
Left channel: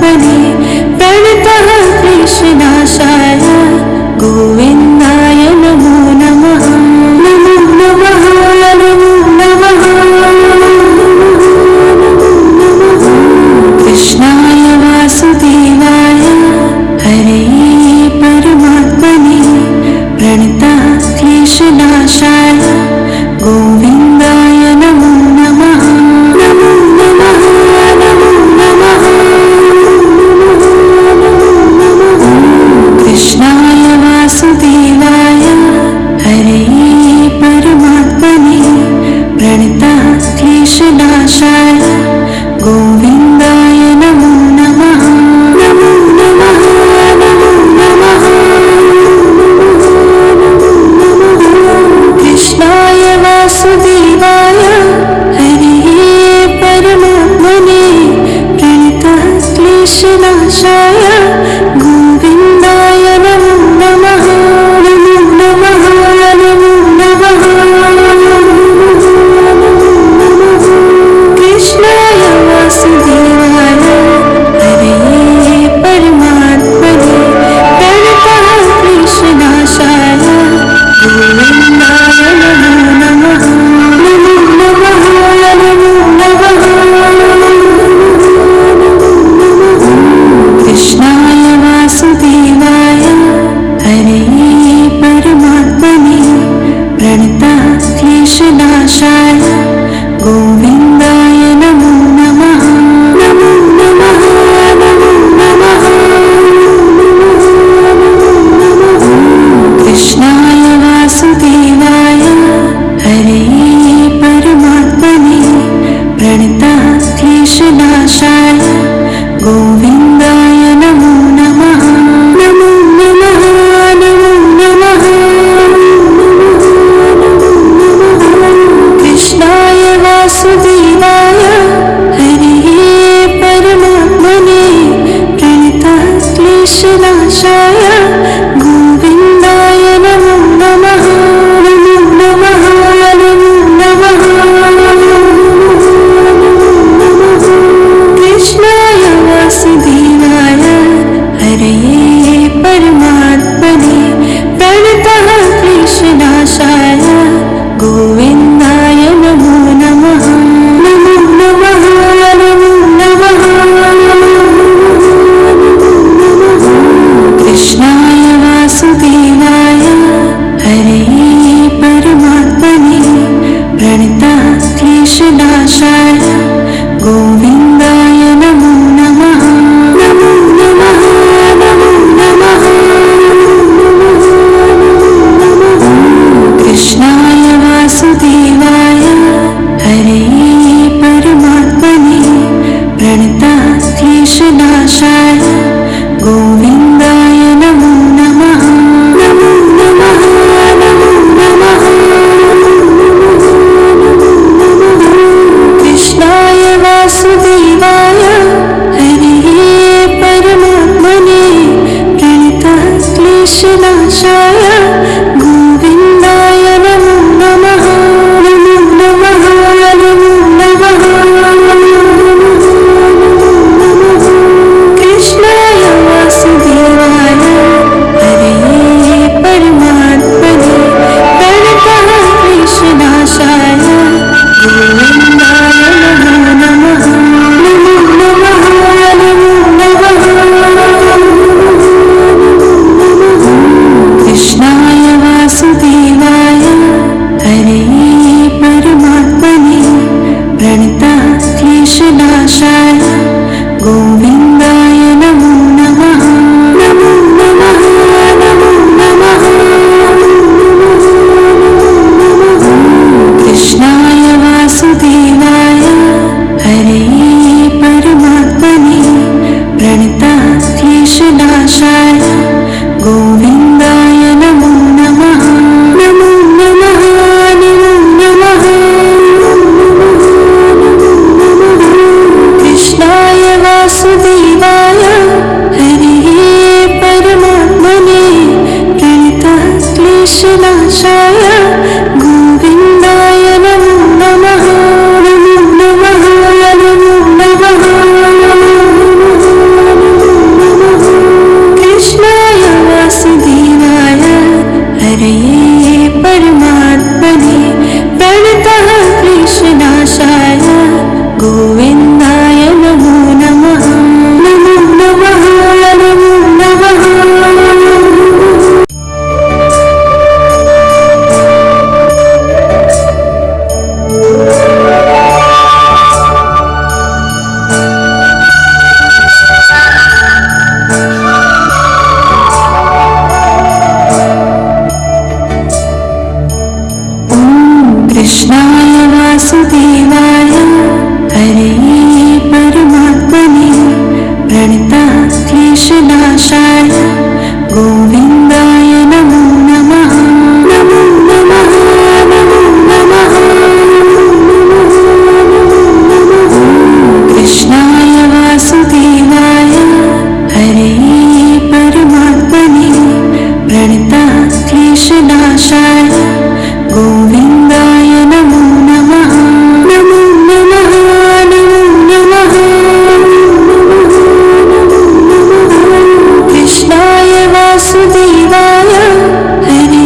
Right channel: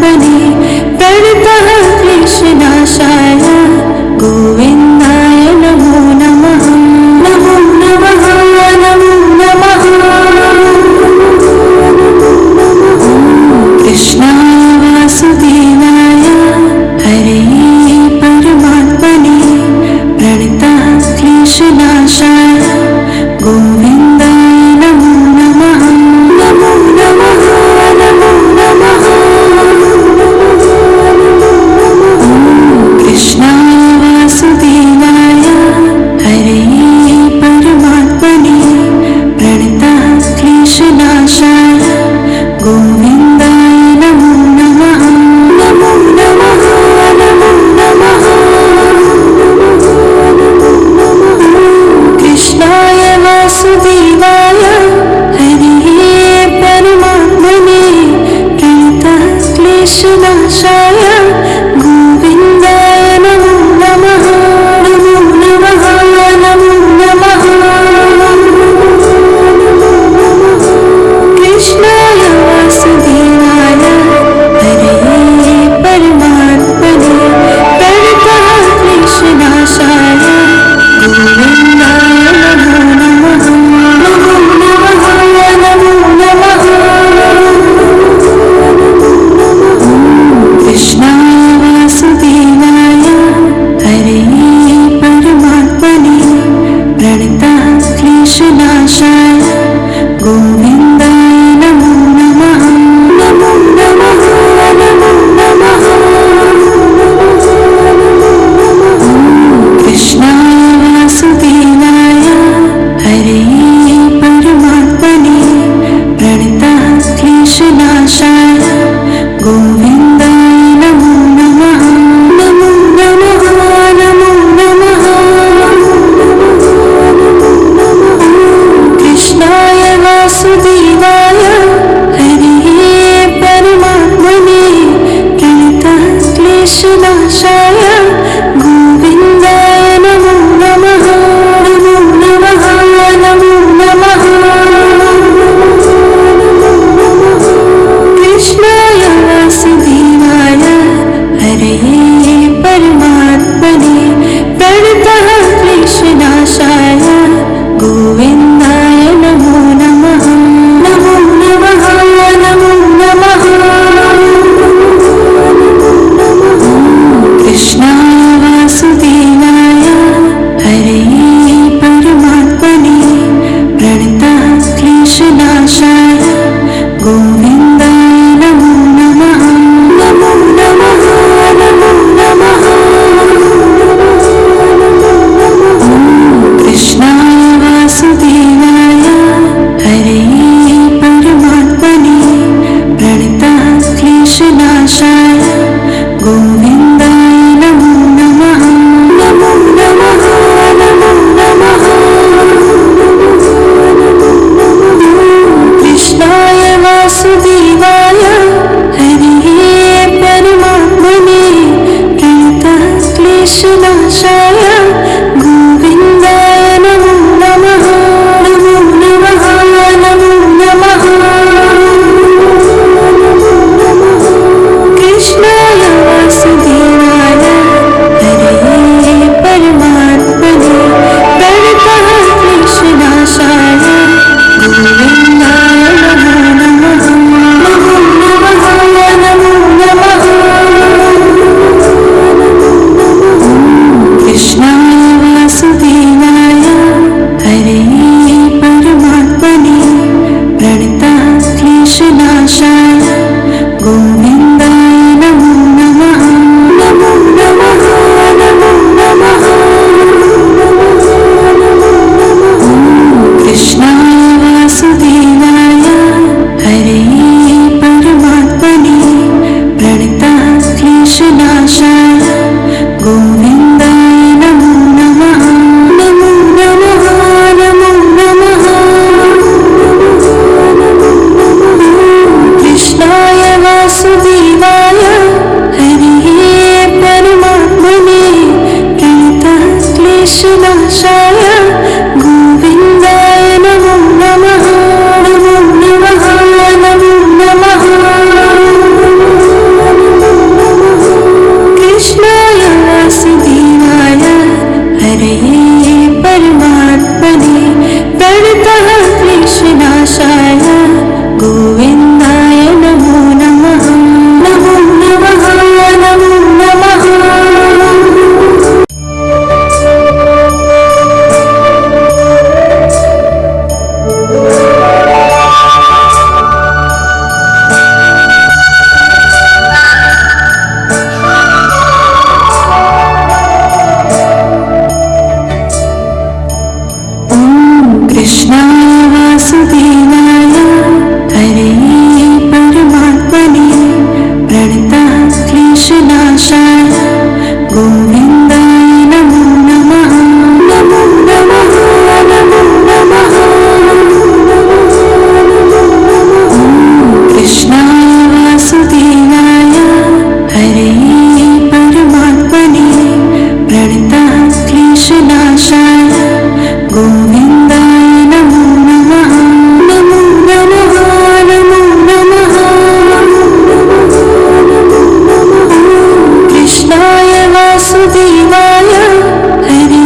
प्रणतः क्लेशनाशाय गोविन्दाय नमो नमः। नमो नमः नमो नमः कृष्णाय वासुदेवाय हरे परमात्मने प्रणतः क्लेशनाशाय गोविन्दाय नमो नमः। नमो नमः नमो नमः कृष्णाय वासुदेवाय हरे परमात्मने प्रणतः क्लेशनाशाय गोविन्दाय नमो नमः। नमो नमः नमो नमः कृष्णाय वासुदेवाय हरे परमात्मने प्रणतः क्लेशनाशाय गोविन्दाय नमो नमः। नमो नमः नमो नमः कृष्णाय वासुदेवाय हरे परमात्मने प्रणतः क्लेशनाशाय गोविन्दाय नमो नमः। नमो नमः नमो नमः कृष्णाय वासुदेवाय हरे परमात्मने प्रणतः क्लेशनाशाय गोविन्दाय नमो नमः। नमो नमः नमो नमः कृष्णाय वासुदेवाय हरे परमात्मने प्रणतः क्लेशनाशाय गोविन्दाय नमो नमः। नमो नमः नमो नमः कृष्णाय वासुदेवाय हरे परमात्मने प्रणतः क्लेशनाशाय गोविन्दाय नमो नमः। नमो नमः नमो नमः कृष्णाय वासुदेवाय कृष्णनाशाय गोविन्दाय नमो नमः। नमो नमः नमो नमः। कृष्णाय वासुदेवाय हरे परमात्मने प्रणतः क्लेशनाशाय गोविन्दाय नमो नमः। नमो नमः नमो नमः। कृष्णाय वासुदेवाय हरे परमात्मने प्रणतः क्लेशनाशाय गोविन्दाय नमो नमः। नमो नमः नमो नमः। कृष्णाय वासुदेवाय हरे परमात्मने प्रणतः क्लेशनाशाय गोविन्दाय नमो नमः। नमो नमः नमो नमः। कृष्णाय वासुदेवाय हरे परमात्मने प्रणतः क्लेशनाशाय गोविन्दाय नमो नमः। नमो नमः नमो नमः। कृष्णाय वासुदेवाय हरे परमात्मने प्रणतः क्लेशनाशाय गोविन्दाय नमो नमः। नमो नमः नमो नमः। कृष्णाय वासुदेवाय हरे परमात्मने प्रणतः क्लेशनाशाय गोविन्दाय नमो नमः। नमो नमः नमो नमः। कृष्णाय वासुदेवाय हरे परमात्मने प्रणतः क्लेशनाशाय गोविन्दाय नमो नमः। नमो नमः नमो नमः। कृष्णाय वासुदेवाय हरे परमात्मने प्रणतः क्लेशनाशाय गोविन्दाय नमो नमः। नमो नमः नमो नमः। कृष्णाय वासुदेवाय हरे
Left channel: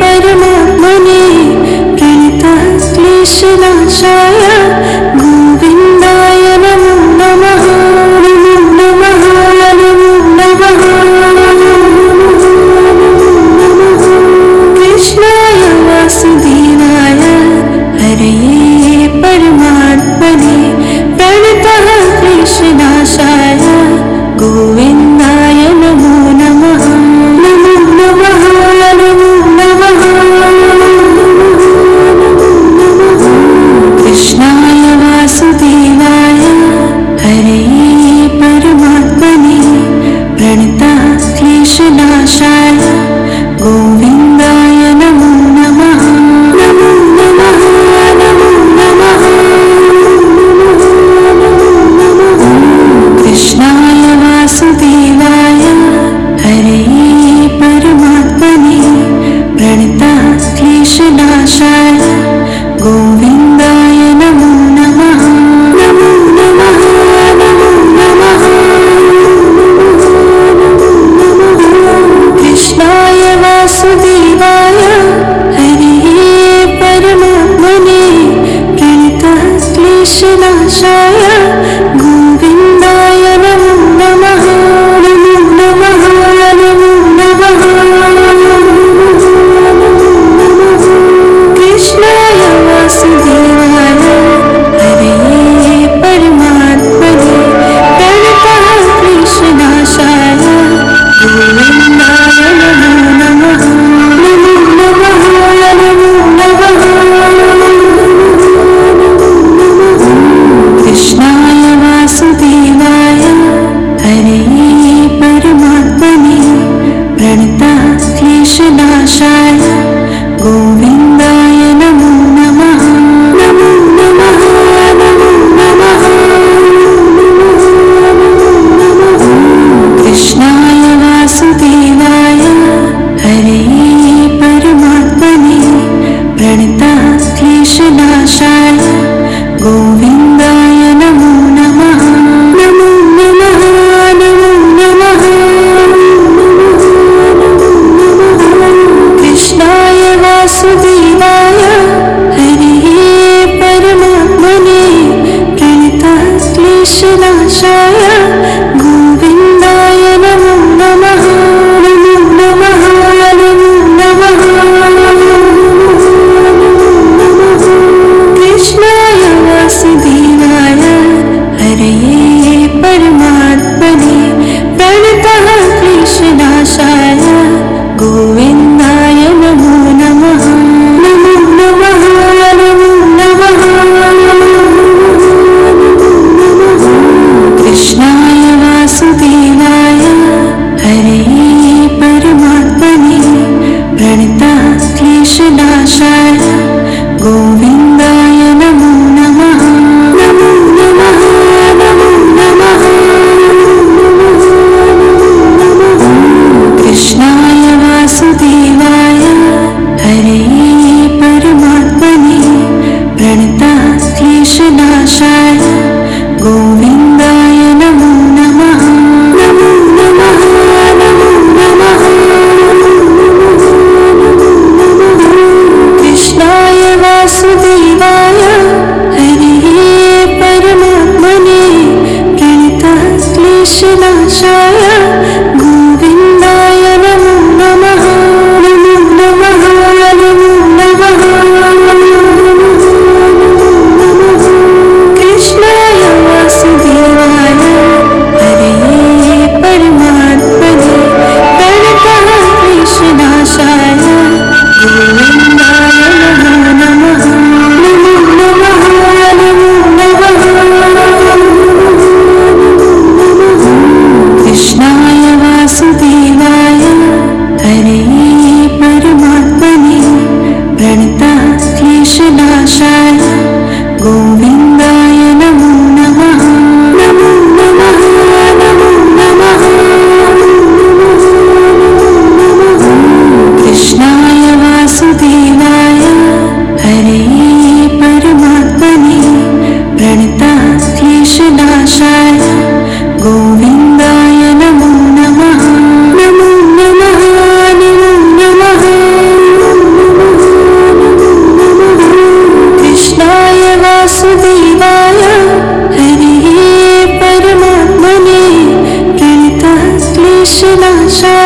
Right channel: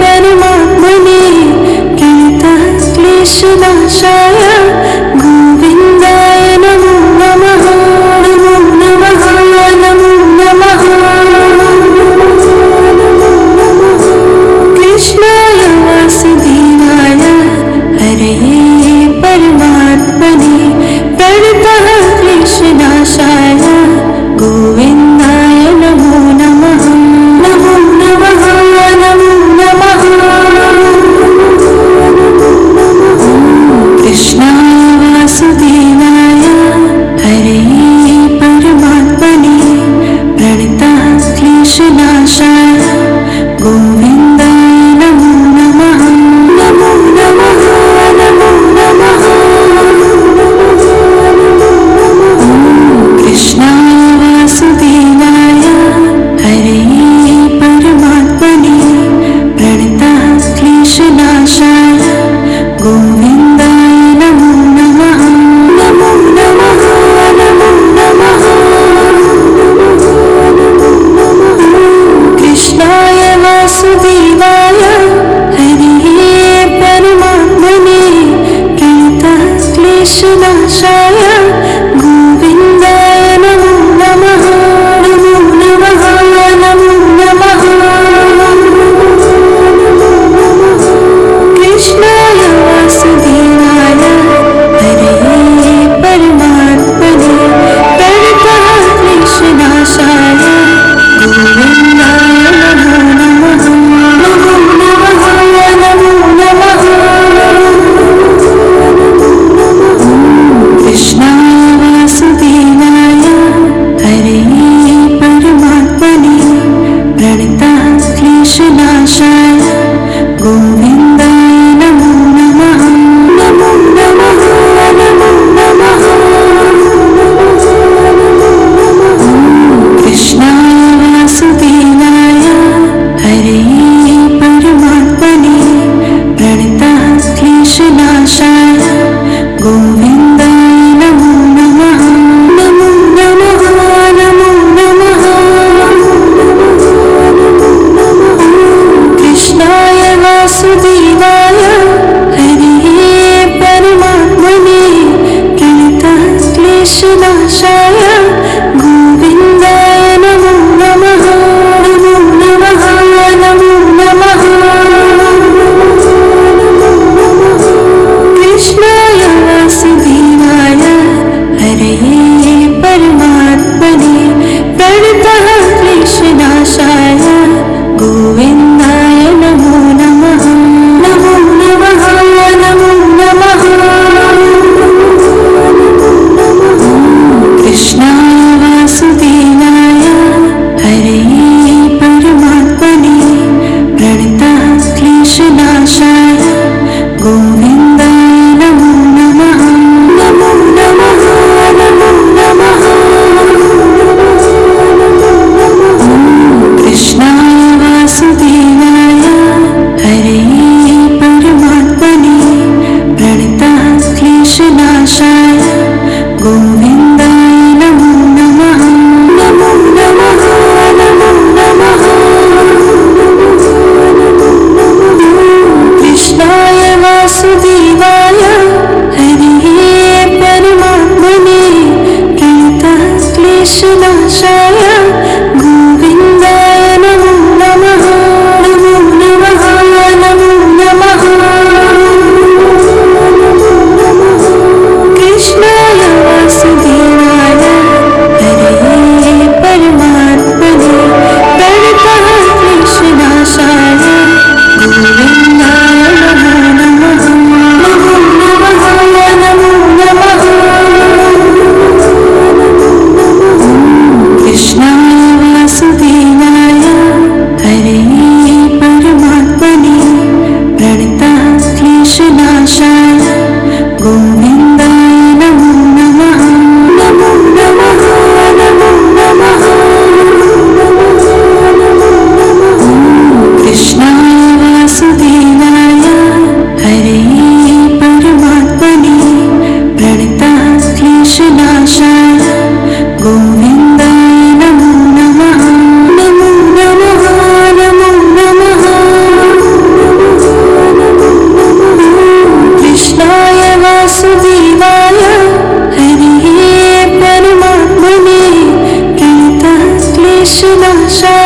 परमात्मने प्रणतः क्लेशनाशाय गोविन्दाय नमो नमः। नमो नमः नमो नमः। कृष्णाय वासुदेवाय हरे परमात्मने प्रणतः क्लेशनाशाय गोविन्दाय नमो नमः। नमो नमः नमो नमः। कृष्णाय वासुदेवाय हरे परमात्मने प्रणतः क्लेशनाशाय गोविन्दाय नमो नमः। नमो नमः नमो नमः। कृष्णाय वासुदेवाय हरे परमात्मने प्रणतः क्लेशनाशाय गोविन्दाय नमो नमः। नमो नमः नमो नमः। कृष्णाय वासुदेवाय हरे परमात्मने प्रणतः क्लेशनाशाय गोविन्दाय नमो नमः। नमो नमः नमो नमः। कृष्णाय वासुदेवाय हरे परमात्मने प्रणतः क्लेशनाशाय गोविन्दाय नमो नमः। नमो नमः नमो नमः। कृष्णाय वासुदेवाय क्लेशनाशाय गोविन्दाय नमो नमः। नमो नमः नमो नमः। कृष्णाय वासुदेवाय हरये परमात्मने प्रणतः क्लेशनाशाय गोविन्दाय नमो नमः। नमो नमः नमो नमः। कृष्णाय वासुदेवाय हरये परमात्मने प्रणतः क्लेशनाशाय गोविन्दाय नमो नमः। नमो नमः नमो नमः। कृष्णाय वासुदेवाय हरये परमात्मने प्रणतः क्लेशनाशाय गोविन्दाय नमो नमः। नमो नमः नमो नमः। कृष्णाय वासुदेवाय हरये परमात्मने प्रणतः क्लेशनाशाय गोविन्दाय नमो नमः। नमो नमः नमो नमः। कृष्णाय वासुदेवाय हरये परमात्मने प्रणतः क्लेशनाशाय गोविन्दाय नमो नमः। नमो नमः नमो नमः। कृष्णाय वासुदेवाय हरये परमात्मने प्रणतः क्लेशनाशाय गोविन्दाय नमो नमः। नमो नमः नमो नमः। कृष्णाय वासुदेवाय हरये परमात्मने प्रणतः क्लेशनाशाय गोविन्दाय नमो नमः। नमो नमः नमो नमः। कृष्णाय वासुदेवाय हरये परमात्मने प्रणतः क्लेशनाशाय